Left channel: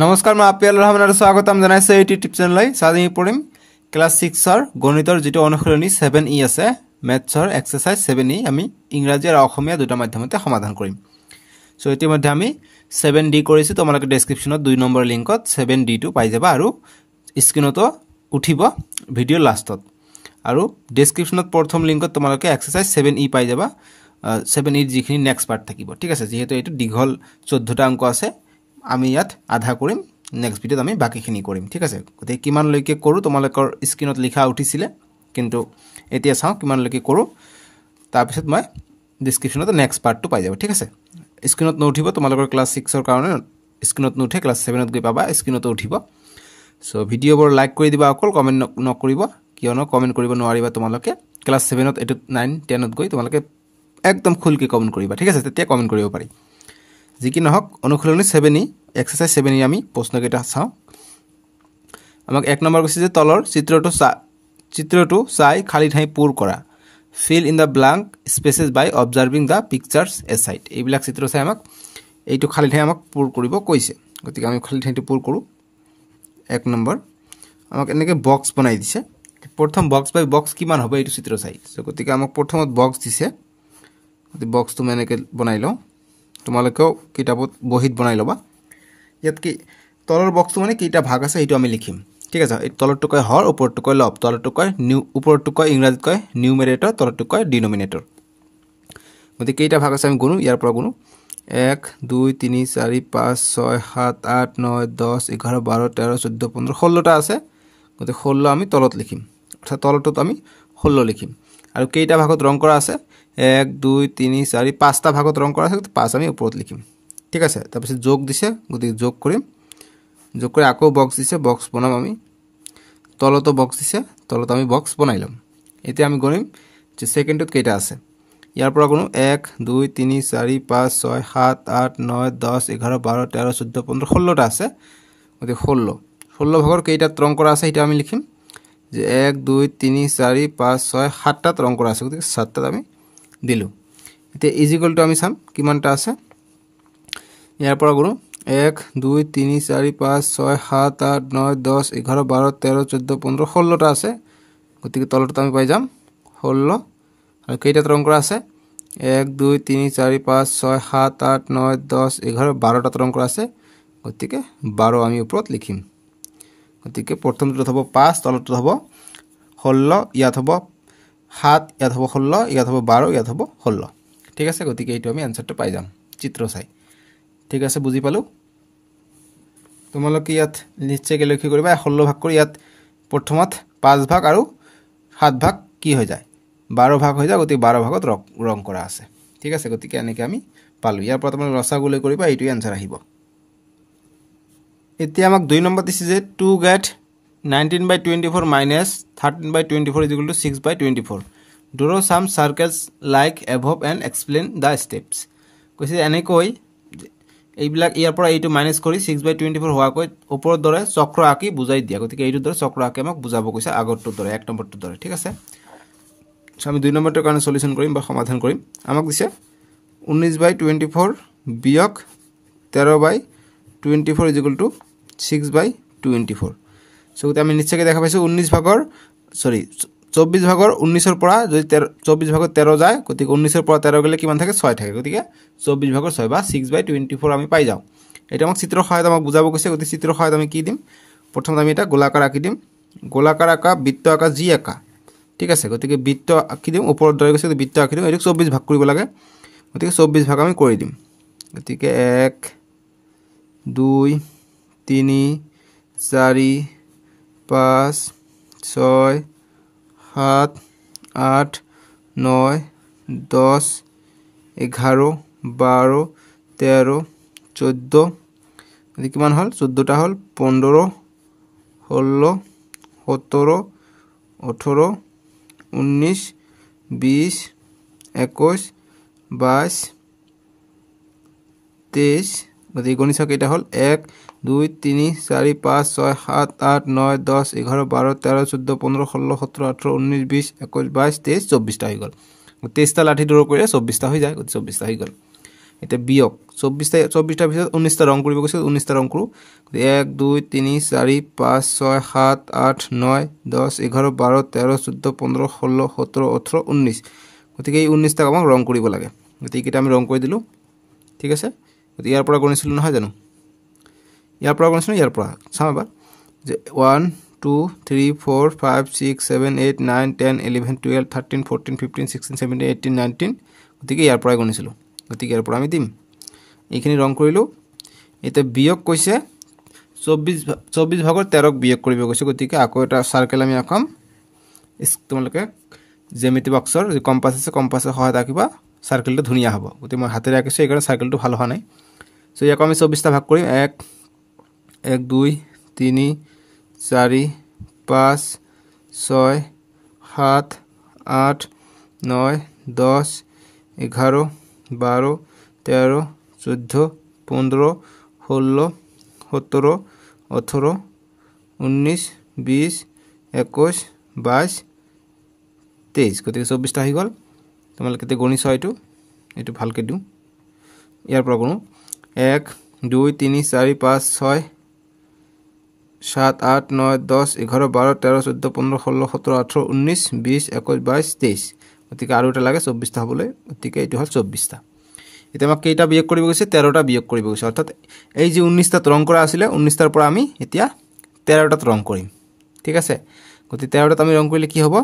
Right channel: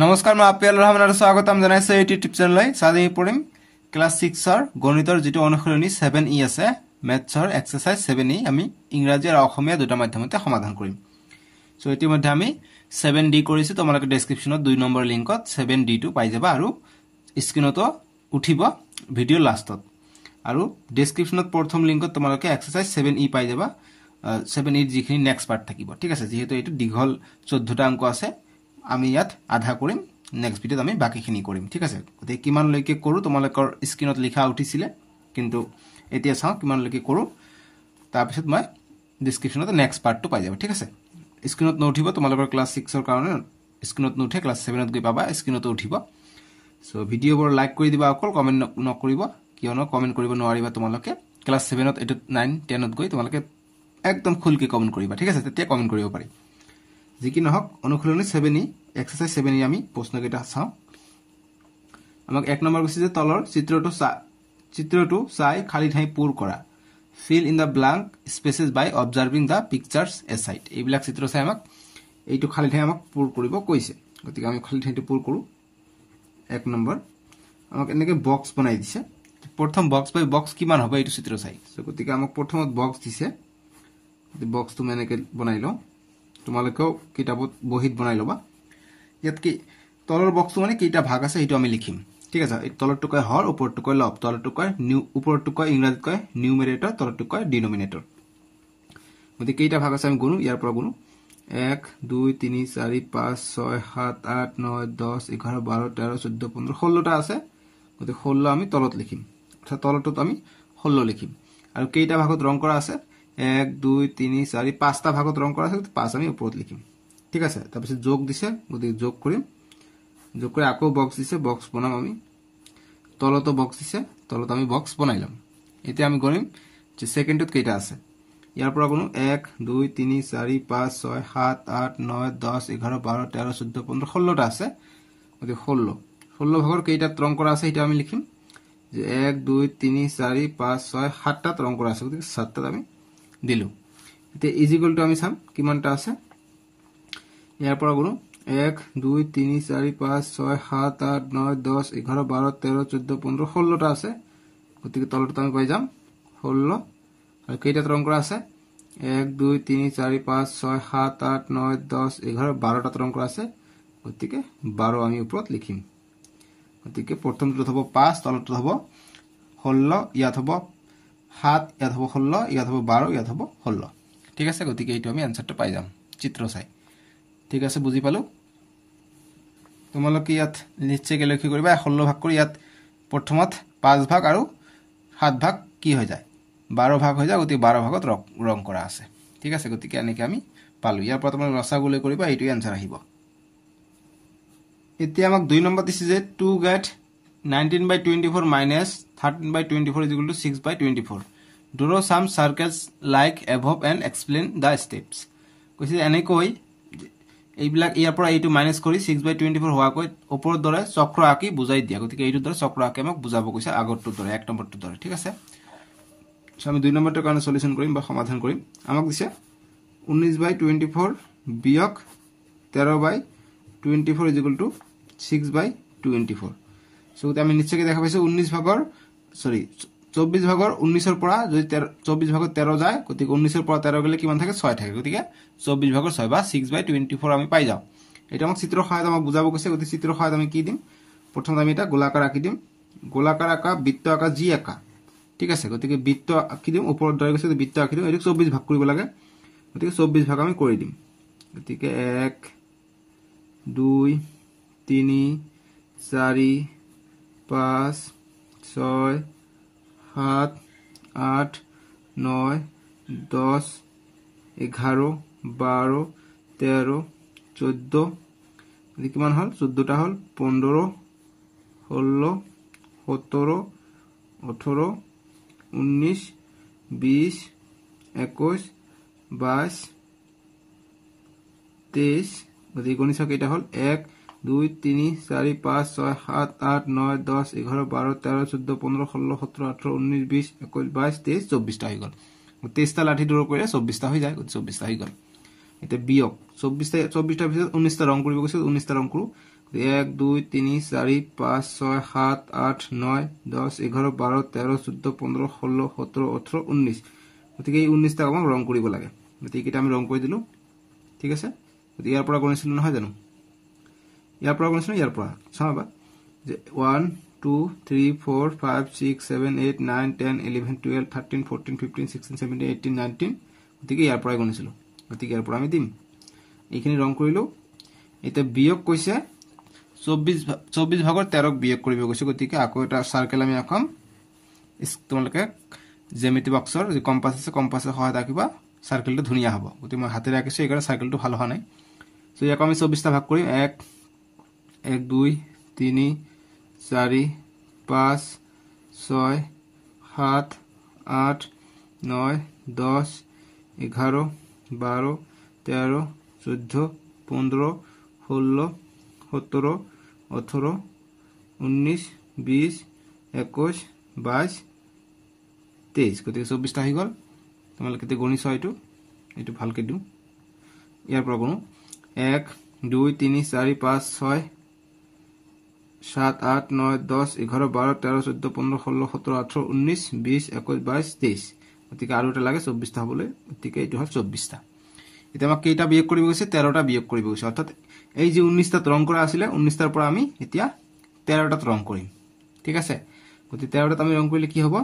নমস্কাৰ মই আপিয়াল ৰহমান আৰু স্বাগতম জনাইছো এই ইউটিউব চেনেললৈ সাজি পঢ়িম ক্লাস 6 ৰ গণিতৰ যেটো অনুশীলনী 7e আছে মেথছৰ এক্সাৰসাইজ 7e আমি ইংৰাজী আৰু অসমীয়া দুটা মাধ্যমতে সমাধান কৰিম সো ইতিমধ্যে আমি 7d কৰিছো তোমালোকে ডেসক্ৰিপচনত 2 নম্বৰ লিংকত 7d টো পাই যাবা আৰু স্ক্ৰিনত উঠিব ভিডিও লাষ্টত আৰু ডেসক্ৰিপচনত প্ৰথম লিংকত তোমালোকে এক্সাৰসাইজ 7e পাই যাবা 7e যিখিনি নেক্সট পাৰ্ট থাকিব ঠিক আছে যেহেতু এটো দীঘল 14টা অংক আছে আমি ইয়াত আধা কৰিম নেক্সট ভিডিওত আমি বাকিখিনি কৰিম ঠিক আছে গতে কিমান লৈকে কৰো তোমালোকৰ স্ক্ৰিনত লিখা উঠিছিলে কিন্তু এতিয়া চাও কিমান লৈকে কৰো তাৰ পিছত মই ডেসক্ৰিপচনত নেক্সট পাৰ্টটো পাই যাব ঠিক আছে স্ক্ৰিনত নউঠিব তোমালোকৰ ক্লাস 6 ৰ কাৰণে স্ক্ৰিনত নউঠে ক্লাস 7 ত গৈ পাবা স্ক্ৰিনত উঠিব সো ভিডিওবোৰ লাইক কৰি দিবা অকল কমেন্ট নকৰিব কিয়নো কমেন্ট কৰিব নোৱাৰিবা তোমালোকে ক্লাস 7 ত 8 9 10 ত গৈ তোমালোকে একদম খুলকি কমেন্ট কৰিবা ঠিক আছে তেতিয়া কমেন্ট কৰিব পাৰি যিকি নহক অনুশীলনী 7e এক্সাৰসাইজ 7e আমি প্ৰশ্নকেটা চাও আমাক এক নম্বৰ কৈছে যে তলৰ চিত্ৰটো চাই খালি ঠাই পূৰ কৰা fill in the blank spaces by observing the pictures aside এইবিলাক চিত্ৰ চাই আমাক এইটো খালি ঠাই আমাক পূৰ কৰিব কৈছে গতিকে আমি খালি ঠাইটো পূৰ কৰো এক নম্বৰ আমাক এনেকে বক্স বনাই দিছে প্ৰথম বক্স বাই বক্স কিমান হবে এইটো চিত্ৰ চাই সো গতিকে আমাক প্ৰথমত বক্স দিছে গতি বক্সটো মানে এনেকে বনাই লও তোমালোকেও কিতাপত বহিত বনাই লবা ইয়াত কি তলৰ বক্সটো মানে কিটা ভাগ আছে এটো আমি লিখিম ঠিক আছে এই তলৰটো কয় হৰ ওপৰটো কয় লব তলৰটো কয় নিউ ওপৰটো কয় ইংৰাজীত কয় নিউমাৰেটৰ তলৰটো কয় ডিনোমিনেটৰ গতি কিটা ভাগ আছে আমি গুণো ইয়াৰ পৰা গুণো 1 2 3 4 5 6 7 8 9 10 11 12 13 14 15 16টা আছে গতি 16 আমি তলত লিখিম অৰ্থাৎ তলৰটোত আমি 16 লিখিম আৰু কিটা ভাগত ৰং কৰা আছে 1 2 3 4 5টা ভাগত ৰং কৰা আছে 5 আমি ওপৰত লিখিম ঠিক আছে তাৰ পিছত যোগ দিছে গতি যোগ কৰিম যোগ কৰি আকৌ বক্স দিছে বক্স বনাম আমি তলতো বক্স দিছে তলত আমি বক্স বনাইলাম এতিয়া আমি গণিম যে সেকেন্ডত কেইটা আছে ইয়াৰ পৰা গুণ 1 2 3 4 5 6 7 8 9 10 11 12 13 14 15 16টা আছে গতি 16 ভাগৰ কেইটা ৰং কৰা আছে এটা আমি লিখিম যে 1 2 3 4 5 6 7টা ৰং কৰা আছে গতি 7টা আমি দিলু এতিয়া ইজিক্যাল টু আমি চাম কিমানটা আছে ইয়াৰ পৰা গুণ 1 2 3 4 5 6 7 8 9 10 11 12 13 14 15 16টা আছে গতিকে তলটো আমি পাই যাম 16 আৰু কেইটা ৰং কৰা আছে 1 2 3 4 5 6 7 8 9 10 11 12টা ৰং কৰা আছে গতিকে 12 আমি ওপৰত লিখিম গতিকে প্ৰথমটো হ'ব 5 তলটো হ'ব 16 ইয়াত হ'ব 7 ইয়াত হ'ব 16 ইয়াত হ'ব 12 ইয়াত হ'ব 16 ঠিক আছে গতিকে এইটো আমি আনসারটো পাই যাম চিত্ৰ চাই ঠিক আছে বুজি পালো তোমালোকে ইয়াত নিশ্চয় লক্ষ্য কৰিবা 16 ভাগ কৰি ইয়াত প্ৰথমত 5 ভাগ আৰু 7 ভাগ কি হৈ যায় 12 ভাগ হৈ যায় গতি 12 ভাগত ৰং কৰা আছে ঠিক আছে গতিকে এনেকৈ আমি পালো ইয়াৰ পৰা তোমালোকে ৰসাগুলে কৰিবা এইটো আনসাৰ আহিব এতিয়া আমাক 2 নম্বৰ দিছে যে 2 get 19/24 minus 13/24 is equal to 6/24 draw some circles like above and explain the steps কৈছে এনেকৈ এইবিলাক ইয়াৰ পৰা এইটো মাইনাস কৰি 6/24 হোৱা কৈ ওপৰৰ দৰে চক্ৰ আকি বুজাই দিয়া গতিকে এইটো দৰে চক্ৰ আকি আমাক বুজাব কৈছে আগৰটো দৰে এক নম্বৰটো দৰে ঠিক আছে আমি 2 নম্বৰটোৰ কাৰণে সলিউশন কৰিম বা সমাধান কৰিম আমাক দিছে 19/24 বিয়োগ 13/24 is equal to 6/24 সো আমি নিশ্চয়কৈ দেখা পাইছো 19 ভাগৰ সৰি 24 ভাগৰ 19 ৰ পৰা যদি 24 ভাগৰ 13 যায় গতিকে 19 ৰ পৰা 13 গলে কিমান থাকে 6 থাকে গতিকে 24 ভাগৰ 6 বা 6/24 আমি পাই যাও এটা আমাক চিত্ৰ সহায়ত আমাক বুজাব কৈছে গতিকে চিত্ৰ সহায়ত আমি কি দিম প্ৰথমে আমি এটা গোলাকাৰ আকি দিম গোলাকাৰ আকা বৃত্ত আকা জি আকা ঠিক আছে গতিকে বৃত্ত আকি দিম ওপৰত দৰে গৈছে বৃত্ত আকি দিম এটো 24 ভাগ কৰিব লাগে গতিকে 24 ভাগ আমি কৰি দিম গতিকে 1 2 3 4 5 6 7 8 9 10 11 12 13 14 এদি কিমান হল 14টা হল 15 16 17 18 19 20 21 22 23 গতি গণিত কেইটা হল 1 2 3 4 5 6 7 8 9 10 11 12 13 14 15 16 17 18 19 20 21 22 23 24টা হৈ গল 23টা লাঠি দূৰ কৰিলে 24টা হৈ যায় 24টা হৈ গল এটা বিয়োগ 24টা ভিতৰত 19টা ৰং কৰিব কৈছে 19টা ৰং কৰো 1 2 3 4 5 6 7 8 9 10 11 12 13 14 15 16 17 18 19 গতিকে এই 19টা আমাক ৰং কৰিব লাগে গতিকে এটা আমি ৰং কৰি দিলো ঠিক আছে গতিকে ইয়াৰ পৰা গণিছিলো নহয় জানো ইয়াৰ পৰা গণিছিলো ইয়াৰ পৰা চাবা যে 1 2 3 4 5 6 7 8 9 10 11 12 13 14 15 16 17 18 19 গতিকে ইয়াৰ পৰা গণিছিলো গতিকে ইয়াৰ পৰা আমি দিম এইখিনি ৰং কৰিলো এটা বিয়োগ কৈছে 24 ভাগৰ 13 ক বিয়োগ কৰিব কৈছে গতিকে আকৌ এটা সাৰ্কেল আমি আঁকাম তোমালোকে জ্যামিতি বক্সৰ যে কম্পাস আছে কম্পাসৰ সহায়ত আঁকিবা সাৰ্কেলটো ধুনিয়া হ'ব গতিকে মই হাতেৰে আঁকিছো এই কাৰণে সাৰ্কেলটো ভাল হোৱা নাই সো ইয়াক আমি 24টা ভাগ কৰিম 1 1 2 3 4 5 6 7 8 9 10 11 12 13 14 15 16 17 18 19 20 21 22 23 গতিকে 24টা হৈ গল তোমালোকে তে গণিছ এইটো ভালকে দিও ইয়াৰ পৰা গণো 1 2 3 4 5 6 7 8 9 10 11 12 13 14 15 16 17 18 19 20 21 22 23 গতিকে আৰু এটা লাগে 24টা হ'বলৈ গতিকে এইটো হল 24টা এটা আমাক কেইটা বিয়োগ কৰিব গৈছে 13টা বিয়োগ কৰিব গৈছে অৰ্থাৎ এই যে 19টা ৰং কৰা আছিল 19টাৰ পৰা আমি এতিয়া 13টা ৰং কৰিম ঠিক আছে গতিকে 13টা আমি ৰং কৰিলে কি হ'ব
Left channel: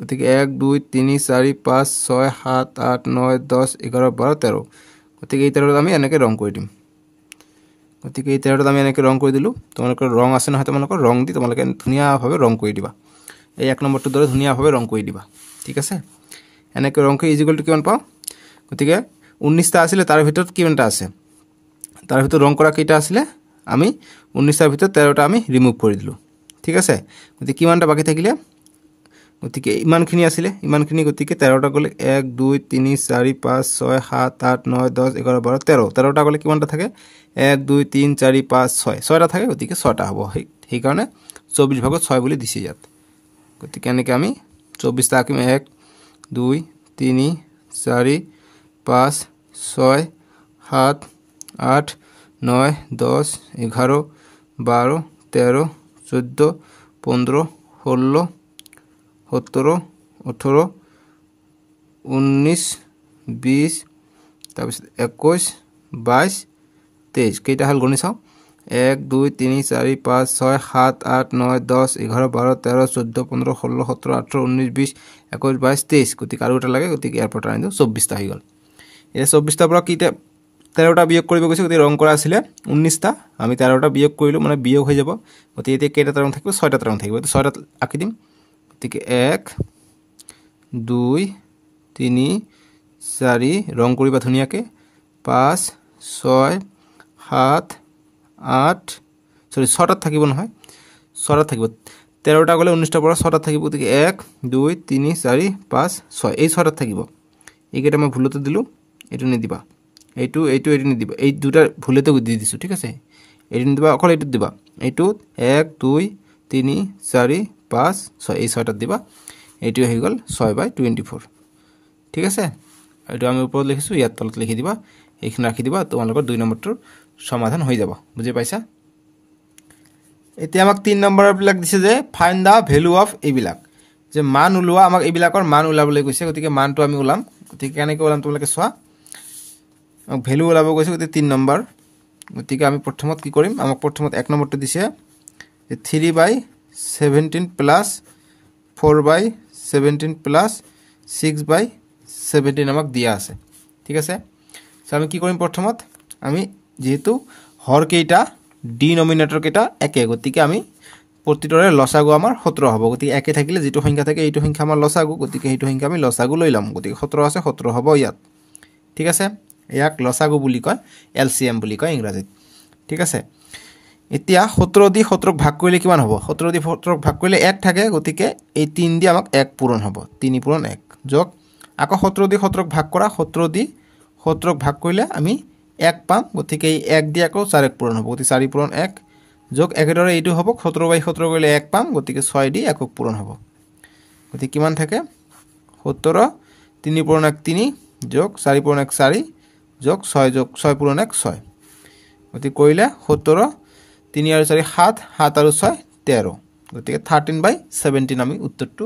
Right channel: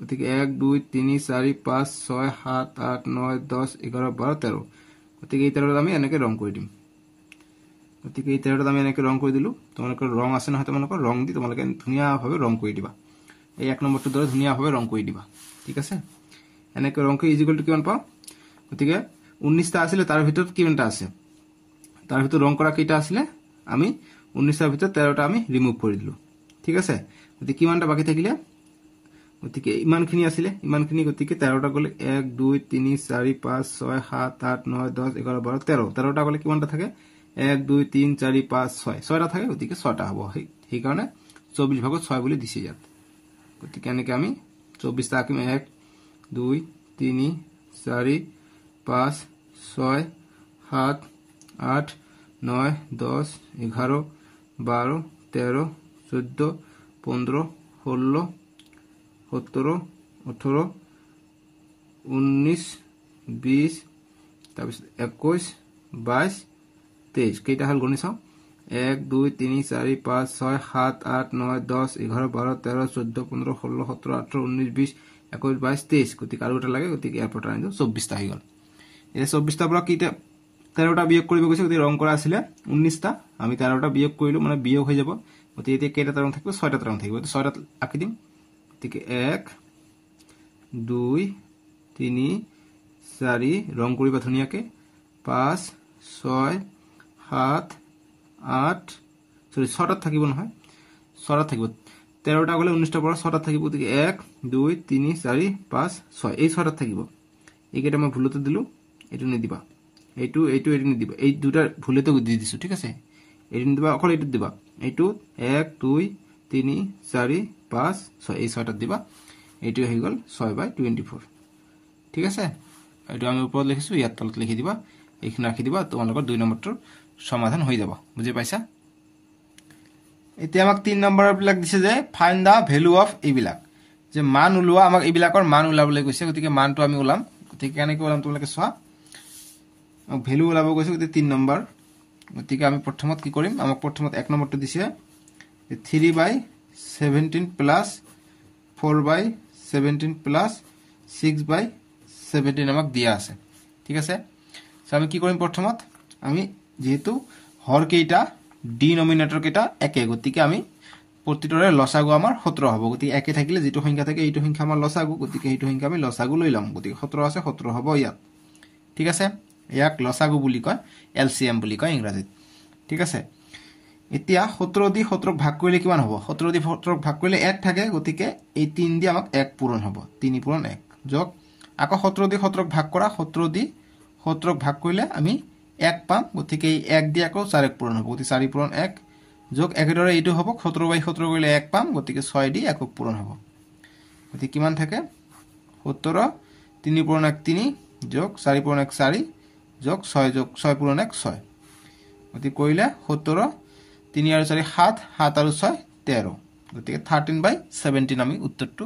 গতিকে 1 2 3 4 5 6 7 8 9 10 11 12 13 গতিকে এই 13টা আমি এনেকৈ ৰং কৰি দিম গতিকে এই 13টা আমি এনেকৈ ৰং কৰি দিলো তোমালোকৰ ৰং আছে নহয় তোমালোকৰ ৰং দি তোমালোকে ধুনিয়াভাৱে ৰং কৰি দিবা এই এক নম্বৰটো দৰে ধুনিয়াভাৱে ৰং কৰি দিবা ঠিক আছে এনেকৈ ৰং কৰি ইজিকল টু কিমান পাও গতিকে 19টা আছিল তাৰ ভিতৰত কিমানটা আছে তাৰ ভিতৰত ৰং কৰা কেইটা আছিল আমি 19টাৰ ভিতৰত 13টা আমি ৰিমুভ কৰি দিলো ঠিক আছে গতিকে কিমানটা বাকি থাকিলে গতিকে ইমানখিনি আছিল ইমানখিনি গতিকে 13টা গলে 1 2 3 4 5 6 7 8 9 10 11 12 13 13টা গলে কিমানটা থাকে 1 2 3 4 5 6 6টা থাকে গতিকে 6টা হ'ব সেই কাৰণে 24 ভাগত 6 বুলি দিছি ইয়াত গতিকে এনেকৈ আমি 24টা আঁকিম 1 2 3 4 5 6 7 8 9 10 11 12 13 14 15 16 17 18 19 20 তাৰপিছত 21 22 23 কেইটা হল গণি চাও 1 2 3 4 5 6 7 8 9 10 11 12 13 14 15 16 17 18 19 20 21 22 23 গতিকে আৰু এটা লাগে গতিকে ইয়াৰ পৰা আনিলো 24টা হৈ গল এই 24টাৰ পৰা কিটা 13টা বিয়োগ কৰিব গৈছে গতিকে ৰং কৰা আছিল 19টা আমি 13টা বিয়োগ কৰিলো মানে বিয়োগ হৈ যাব গতিকে এতিয়া কেইটা ৰং থাকিব 6টা ৰং থাকিব 6টা আঁকি দিম গতিকে 1 2 3 4 ৰং কৰিবা ধুনিয়াকে 5 6 7 8 সৰি 6টা থাকিব নহয় 6টা থাকিব 13টা গলে 19টাৰ পৰা 6টা থাকিব গতিকে 1 2 3 4 5 6 এই 6টা থাকিব এইকেইটা মই ভুলতে দিলো এটো নিদিবা এইটো নিদিবা এই দুটা ভুলতে দি দিছো ঠিক আছে এটো নিদিবা অকল এটো দিবা এইটো 1 2 3 4 5 6 এই 6টা দিবা এইটো হৈ গল 6/24 ঠিক আছে এইটো আমি ওপৰত লিখিছো ইয়াত তলত লিখি দিবা এইখিনি ৰাখি দিবা তোমালোকৰ 2 নম্বৰটোৰ সমাধান হৈ যাব বুজি পাইছা এতিয়া আমাক 3 নম্বৰ বিলাক দিছে যে ফাইন্ড দা ভ্যালু অফ এইবিলাক যে মান উলোৱা আমাক এইবিলাকৰ মান উলাবলৈ কৈছে গতিকে মানটো আমি উলাম গতিকে কেনেকৈ উলাম তোমালোকে চোৱা ভ্যালু উলাব কৈছে গতিকে 3 নম্বৰ গতিকে আমি প্ৰথমত কি কৰিম আমাক প্ৰথমত 1 নম্বৰটো দিছে যে 3/17 প্লাস 4/17 প্লাস 6/17 আমাক দিয়া আছে ঠিক আছে সো আমি কি কৰিম প্ৰথমত আমি যেহেতু হৰ কেইটা ডিনোমিনেটৰ কেইটা একে গতিকে আমি প্ৰতিটোৰে লসাগু আমাৰ 17 হ'ব গতিকে একে থাকিলে যেটো সংখ্যা থাকে এইটো সংখ্যা আমাৰ লসাগু গতিকে এইটো সংখ্যা আমি লসাগু লৈ লম গতিকে 17 আছে 17 হ'ব ইয়াত ঠিক আছে ইয়াক লসাগু বুলি কয় এলসিএম বুলি কয় ইংৰাজীত ঠিক আছে এতিয়া 17 দি 17ক ভাগ কৰিলে কিমান হ'ব 17 দি 17ক ভাগ কৰিলে 1 থাকে গতিকে এই 3 দি আমাক 1 পূৰণ হ'ব 3 পূৰণ 1 যোগ আকৌ 17 দি 17ক ভাগ কৰা 17 দি 17ক ভাগ কৰিলে আমি 1 পাম গতিকে এই 1 দি আকৌ 4 পূৰণ হ'ব গতিকে 4 পূৰণ 1 যোগ একেদৰে এইটো হ'ব 17/17 কৰিলে 1 পাম গতিকে 6 দি 1ক পূৰণ হ'ব গতিকে কিমান থাকে 17 3 পূৰণ 1 3 যোগ 4 পূৰণ 1 4 যোগ 6 পূৰণ 1 6 গতিকে কৰিলে 17 3 আৰু 4 7 7 আৰু 6 13 গতিকে 13/17 আমি উত্তৰটো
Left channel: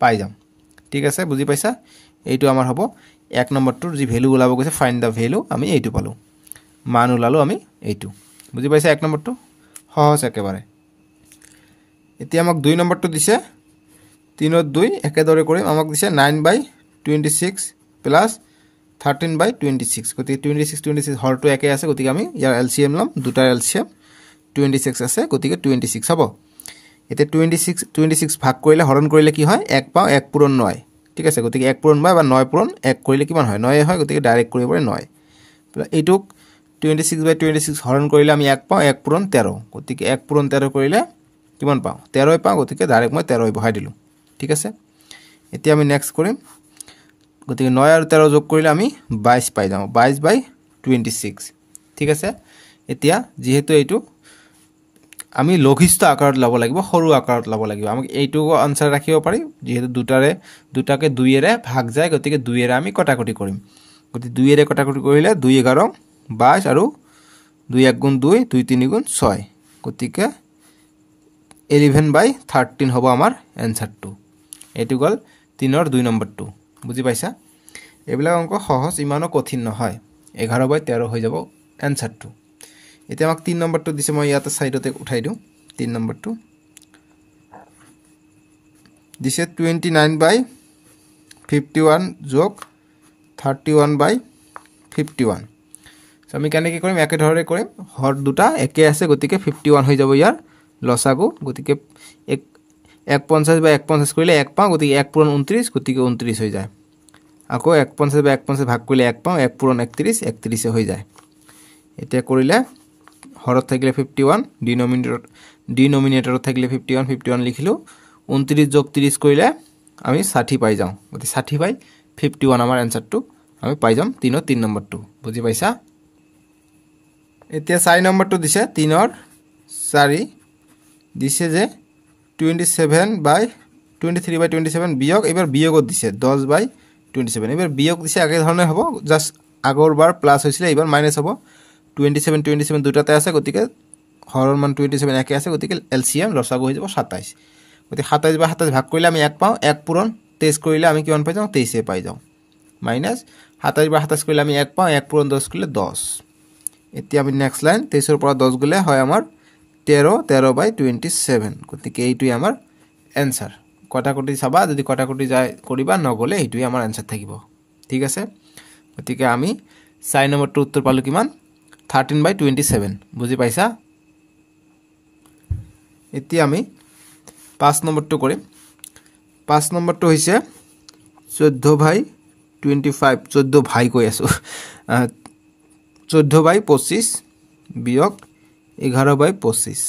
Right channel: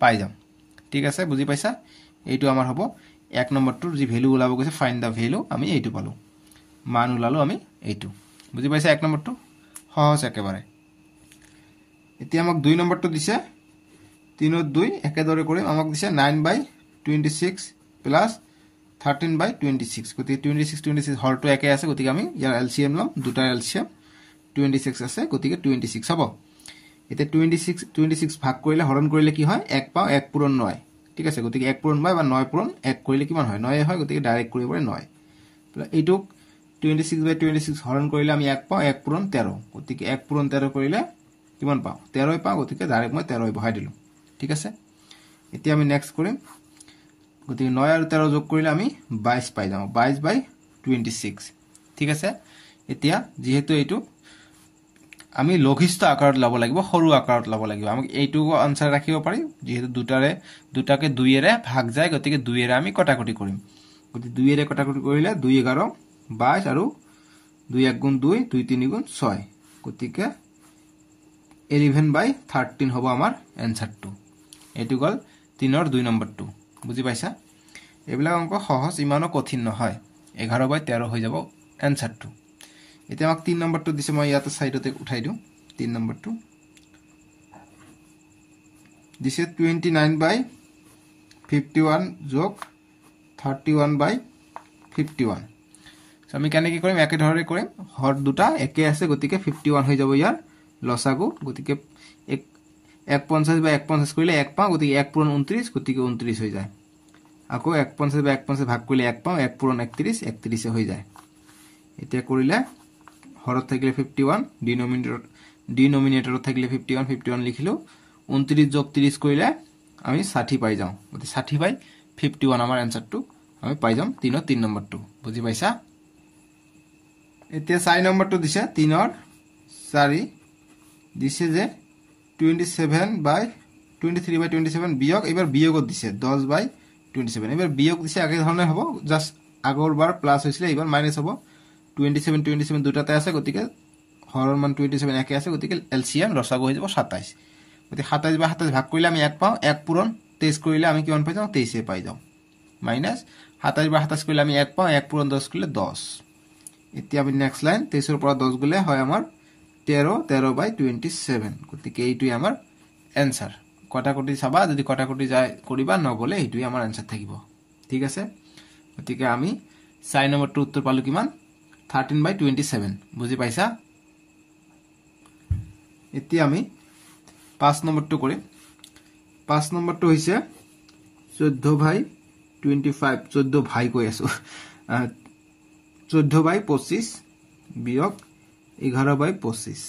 পাই যাম ঠিক আছে বুজি পাইছা এইটো আমাৰ হ'ব 1 নম্বৰটোৰ যি ভ্যালু ওলাব গৈছে ফাইন্ড দা ভ্যালু আমি এইটো পালো মান ওলালো আমি এইটো বুজি পাইছা 1 নম্বৰটো সহজ একেবাৰে এতিয়া আমাক 2 নম্বৰটো দিছে 3 ৰ 2 একেদৰে কৰিম আমাক দিছে 9/26 প্লাস 13/26 গতিকে 26 হৰটো একে আছে গতিকে আমি ইয়াৰ এলসিএম লম দুটাৰ এলসিএম 26 আছে গতিকে 26 হ'ব এতে 26 ভাগ কৰিলে হৰণ কৰিলে কি হয় 1 পাও 1 পূৰণ 9 ঠিক আছে গতিকে 1 পূৰণ 9 বা 9 পূৰণ 1 কৰিলে কিমান হয় 9 হয় গতিকে ডাইৰেক্ট কৰিব পাৰে 9 এইটোক 26/26 হৰণ কৰিলে আমি 1 পাও 1 পূৰণ 13 গতিকে 1 পূৰণ 13 কৰিলে কিমান পাও 13 পাও গতিকে ডাইৰেক্ট মই 13 বহাই দিলো ঠিক আছে এতিয়া আমি নেক্সট কৰিম গতিকে 9 আৰু 13 যোগ কৰিলে আমি 22 পাই যাম 22/26 ঠিক আছে এতিয়া যেহেতু এইটো আমি লঘিষ্ঠ আকাৰত লব লাগিব সৰু আকাৰত লব লাগিব আমি এইটো আনসাৰ ৰাখিব পাৰি যেহেতু দুটাকে 2 এৰে ভাগ যায় গতিকে 2 এৰে আমি কটাকটি কৰিম গতিকে 2 এৰে কটাকটি কৰিলে 2 11 22 আৰু 2 1 গুণ 2 2 3 গুণ 6 গতিকে 11/13 হ'ব আমাৰ এনসাৰটো এটো গল 3 ৰ 2 নম্বৰটো বুজি পাইছা এবিলাক অংক সহজ ইমানো কঠিন নহয় 11/13 হৈ যাব এনসারটো এতিয়া আমাক 3 নম্বৰটো দিছে মই ইয়াতে সাইডতে উঠাই দিও 3 নম্বৰটো দিছে 29/51 যোগ 31/51 সো আমি কেনে কি কৰিম একে ধৰে কৰিম হৰ দুটা একে আছে গতিকে 51 হৈ যাব ইয়াৰ লসাগু গতিকে 150 বা 150 কৰিলে 1 পাও গতিকে 1 পূৰণ 29 গতিকে 29 হৈ যায় আকৌ 150 বা 150 ভাগ কৰিলে 1 পাও 1 পূৰণ 31 31 হৈ যায় এতিয়া কৰিলে হৰত থাকিলে 51 ডিনোমিনেটৰত থাকিলে 51 লিখিলো 29 যোগ 30 কৰিলে আমি 60 পাই যাও গতিকে 60/51 আমাৰ এনসাৰটো আমি পাই যাম 3 ৰ 3 নম্বৰটো বুজি পাইছা এতিয়া 4 নম্বৰটো দিছে 3 ৰ 4 দিছে যে 23/27 বিয়োগ এবাৰ বিয়োগত দিছে 10/27 এবাৰ বিয়োগ দিছে আগে ধৰণে হ'ব জাস্ট আগৰবাৰ প্লাস হৈছিল এবাৰ মাইনাস হ'ব 27 দুটাতে আছে গতিকে হৰৰ মান 27 একে আছে গতিকে এলসিএম লসাগু হৈ যাব 27 গতিকে 27/27 ভাগ কৰিলে আমি 1 পাও 1 পূৰণ 23 কৰিলে আমি কিমান পাই যাও 23 এ পাই যাও মাইনাস 27/27 কৰিলে আমি 1 পাও 1 পূৰণ 10 কৰিলে 10 এতিয়া আমি নেক্সট লাইন 23 ৰ পৰা 10 গলে হয় আমাৰ 13/27 গতিকে এইটোই আমাৰ এনসাৰ কটাকটি চাবা যদি কটাকটি যায় কৰিবা নগলে এইটোই আমাৰ এনসাৰ থাকিব ঠিক আছে গতিকে আমি 4 নম্বৰটো উত্তৰ পালো কিমান 13/27 বুজি পাইছা এতিয়া আমি 5 নম্বৰটো কৰিম 5 নম্বৰটো হৈছে 14/25 14 ভাই কৈ আছো 14/25 বিয়োগ 11/25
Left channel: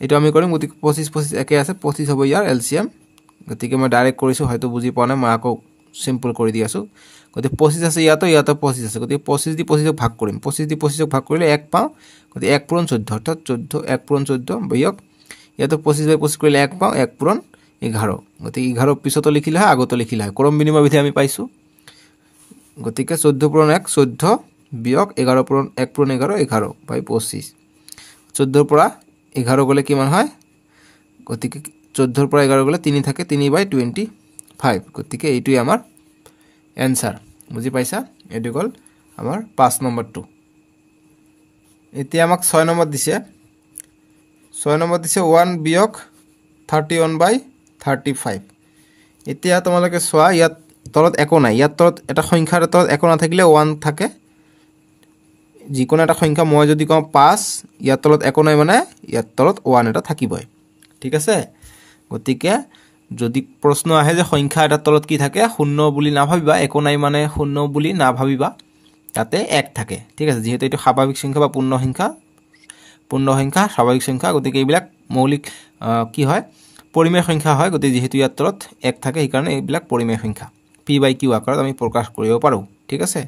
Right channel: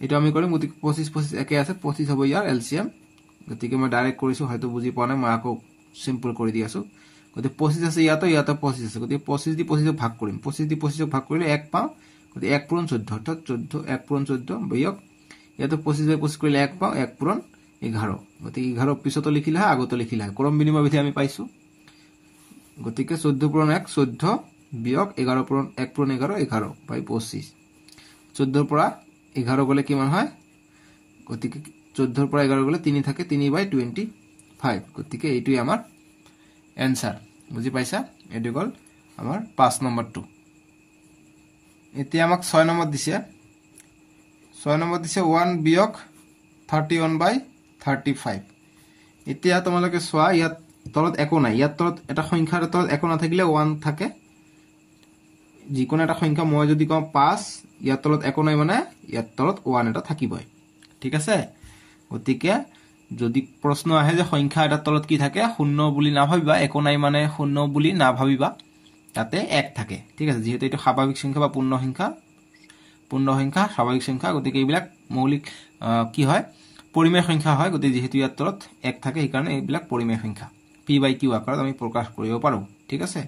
এটা আমি কৰিম গতিকে 25 একে আছে 25 হ'ব ইয়াৰ এলসিএম গতিকে মই ডাইৰেক্ট কৰিছো হয়তো বুজি পোৱা নাই মই আকৌ সিম্পল কৰি দি আছো গতিকে 25 আছে ইয়াতো 25 আছে গতিকে 25 দি 25 ভাগ কৰিম 25 দি 25 ভাগ কৰিলে 1 পাও গতিকে 1 পূৰণ 14 অৰ্থাৎ 14 1 পূৰণ 14 বিয়োগ ইয়াতো 25/25 কৰিলে 1 পাও 1 পূৰণ 11 গতিকে 11 পিছতো লিখিলে হয় আগতো লিখিলে হয় ক্ৰম বিনিময় বিধি আমি পাইছো গতিকে 14 পূৰণ 1 14 বিয়োগ 11 পূৰণ 1 পূৰণ 11 11/25 14 পৰা 11 গলে কিমান হয় গতিকে 14 পৰা 11 গলে 3 থাকে 3/25 গতিকে এইটোই আমাৰ এনসাৰ বুজি পাইছা এটো গল আমাৰ 5 নম্বৰটো এতিয়া আমাক 6 নম্বৰ দিছে 1 বিয়োগ 31/35 এতিয়া তোমালোকে সোয়া ইয়াত তলত একো নাই ইয়াত তলত এটা সংখ্যাৰ তলত একো না থাকিলে 1 থাকে যিকোনো এটা সংখ্যা মই যদি কম 5 ইয়াত তলত একো নাই মানে ইয়াত তলত 1 এটা থাকিবই ঠিক আছে গতিকে যদি প্ৰশ্ন আহে যে সংখ্যা এটা তলত কি থাকে শূন্য বুলি না ভাবিবা একো নাই মানে শূন্য বুলি না ভাবিবা তাতে 1 থাকে ঠিক আছে যেহেতু এটা স্বাভাৱিক সংখ্যা বা পূৰ্ণ সংখ্যা স্বাভাৱিক সংখ্যা গতিকে এইবিলাক মৌলিক কি হয় পৰিমেয় সংখ্যা হয় গতিকে যেহেতু ইয়াত তলত 1 থাকে এই কাৰণে এইবিলাক পৰিমেয় সংখ্যা p/q আকাৰত আমি প্ৰকাশ কৰিব পাৰো ঠিক আছে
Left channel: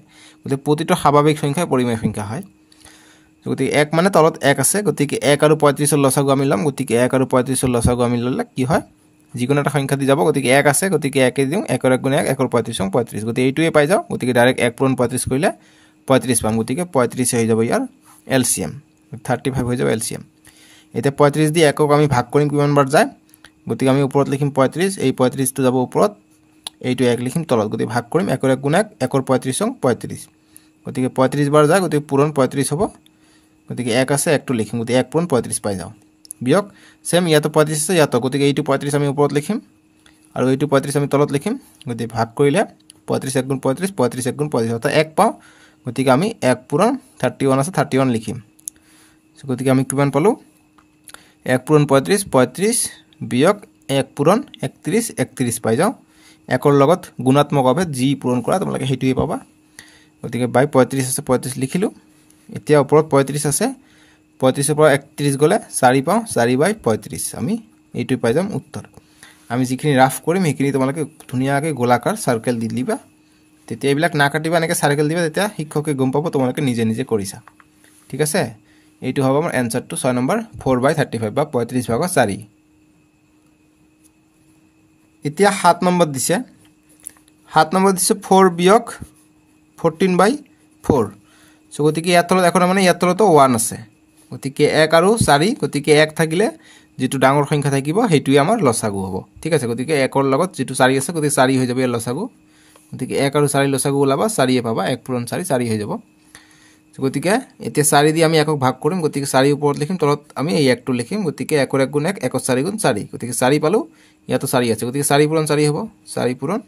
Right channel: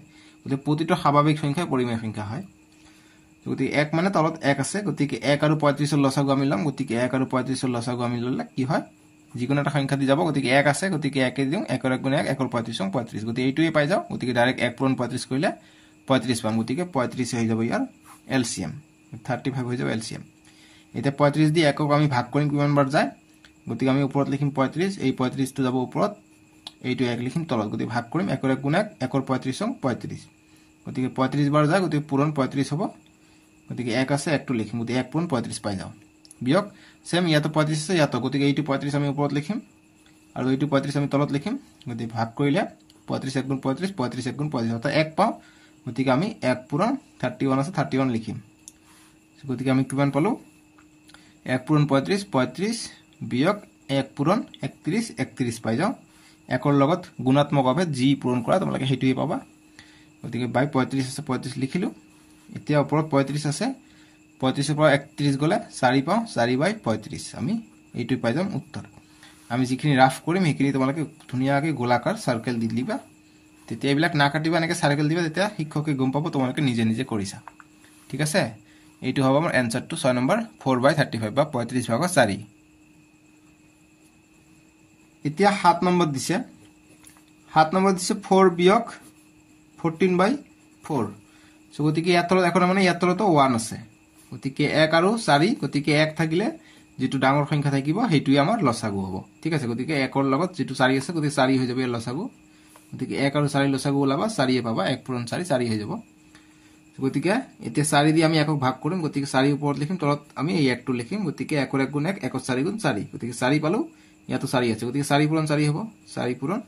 গতিকে প্ৰতিটো স্বাভাৱিক সংখ্যা পৰিমেয় সংখ্যা হয় গতিকে 1 মানে তলত 1 আছে গতিকে 1 আৰু 35 ৰ লসাগু আমি লম গতিকে 1 আৰু 35 ৰ লসাগু আমি ললে কি হয় যিকোনো এটা সংখ্যা দি যাব গতিকে 1 আছে গতিকে 1 এ দিও 1 ৰ গুণ 1 1 ৰ 35 35 গতিকে এইটোৱে পাই যাও গতিকে ডাইৰেক্ট 1 পূৰণ 35 কৰিলে 35 পাম গতিকে 35 হৈ যাব ইয়াৰ এলসিএম 35 হৈ যাব এলসিএম এটা 35 দি একক আমি ভাগ কৰিম কিমান বাৰ যায় গতিকে আমি ওপৰত লিখিম 35 এই 35 টো যাব ওপৰত এইটো এক লিখিম তলত গতিকে ভাগ কৰিম একৰ এক গুণ এক একৰ 35 সং 35 গতিকে 35 বাৰ যায় গতিকে পূৰণ 35 হ'ব গতিকে এক আছে একটো লিখিম গতিকে 1 পূৰণ 35 পাই যাও বিয়োগ সেম ইয়াতো 35 আছে ইয়াতো গতিকে এইটো 35 আমি ওপৰত লিখিম আৰু এইটো 35 আমি তলত লিখিম গতিকে ভাগ কৰিলে 35 1 গুণ 35 35 1 গুণ 35 অৰ্থাৎ 1 পাও গতিকে আমি 1 পূৰণ 31 আছে 31 লিখিম গতিকে আমি কিমান পালো 1 পূৰণ 35 35 বিয়োগ 1 পূৰণ 31 31 পাই যাও একৰ লগত গুণাত্মকভাৱে জি পূৰণ কৰা তোমালোকে হেতুই পাবা গতিকে বাই 35 আছে 35 লিখিলো এতিয়া ওপৰত 35 আছে 35 ৰ পৰা 31 গলে 4 পাও 4 বাই 35 আমি এইটো পাই যাম উত্তৰ আমি যিখিনি ৰাফ কৰিম হেখিনি তোমালোকে ধুনিয়াকৈ গোলাকাৰ সাৰ্কেল দি দিবা তেতিয়া এইবিলাক না কাটিবা এনেকৈ সাৰ্কেল দিবা তেতিয়া শিক্ষকে গম পাব তোমালোকে নিজে নিজে কৰিছা ঠিক আছে এইটো হ'ব আমাৰ এনসাৰটো 6 নম্বৰ 4/35 বা 35/4 এতিয়া 7 নম্বৰ দিছে 7 নম্বৰ দিছে 4 বিয়োগ 14/4 সো গতিকে ইয়াত তলত এখন মানে ইয়াত তলত 1 আছে গতিকে 1 আৰু 4 গতিকে 1 থাকিলে যেটো ডাঙৰ সংখ্যা থাকিব হেতুই আমাৰ লসাগু হ'ব ঠিক আছে গতিকে 1 ৰ লগত যেটো 4 আছে গতিকে 4 হৈ যাব ইয়াৰ লসাগু গতিকে 1 আৰু 4 লসাগু ওলাবা 4 এ পাবা 1 পূৰণ 4 4 হৈ যাব গতিকে এতিয়া 4 দি আমি একক ভাগ কৰিম গতিকে 4 ওপৰত লিখিম তলত আমি এই একটো লিখিম গতিকে 1 ৰ 1 গুণ 1 1 ৰ 4 গুণ 4 গতিকে 4 পালো ইয়াতো 4 আছে গতিকে 4 পূৰণ 4 হ'ব 4 পূৰণ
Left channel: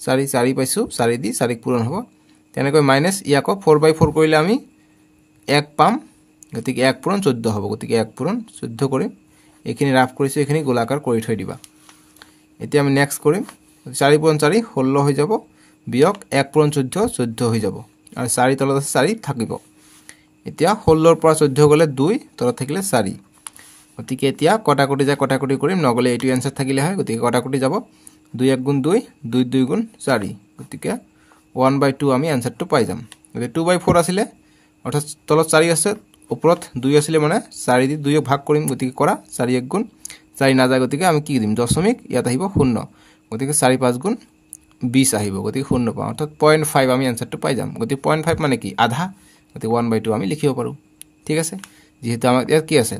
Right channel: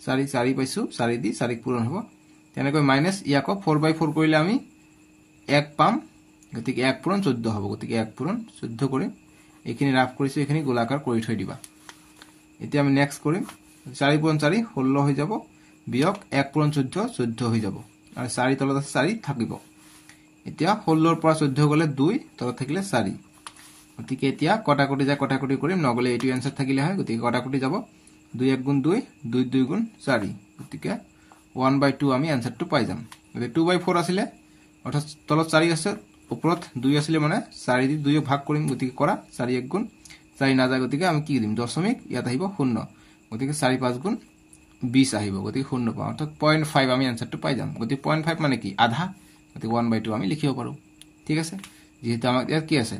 4 4 পাইছো 4 দি 4 পূৰণ হ'ব তেনেকৈ মাইনাস ইয়াকো 4/4 কৰিলে আমি 1 পাম গতিকে 1 পূৰণ 14 হ'ব গতিকে 1 পূৰণ 14 কৰিম এখিনি ৰাফ কৰিছো এখিনি গোলাকাৰ কৰি থৈ দিবা এতিয়া আমি নেক্সট কৰিম 4 পূৰণ 4 16 হৈ যাব বিয়োগ 1 পূৰণ 14 14 হৈ যাব আৰু 4 তলত আছে 4 থাকিব এতিয়া 16 ৰ পৰা 14 গলে 2 তলত থাকিলে 4 গতিকে এতিয়া কটাকটি যায় কটাকটি কৰিম নগলে এইটো এনসার থাকিলে হয় গতিকে কটাকটি যাব 2 1 গুণ 2 2 2 গুণ 4 গতিকে 1/2 আমি এনসারটো পাই যাম গতিকে 2/4 আছিল অৰ্থাৎ তলত 4 আছে ওপৰত 2 আছিল মানে 4 দি 2 ভাগ কৰিম গতিকে কৰা 4 1 গুণ 4 না যায় গতিকে আমি কি দিম দশমিক ইয়াত আহিব 0 গতিকে 4 5 গুণ 20 আহিব গতিকে 0 পাও অৰ্থাৎ 0.5 আমি এনসারটো পাই যাম গতিকে 0.5 মানে কি আধা গতিকে 1/2 আমি লিখিব পাৰো ঠিক আছে যেহেতু আমাৰ ইয়াত কি আছে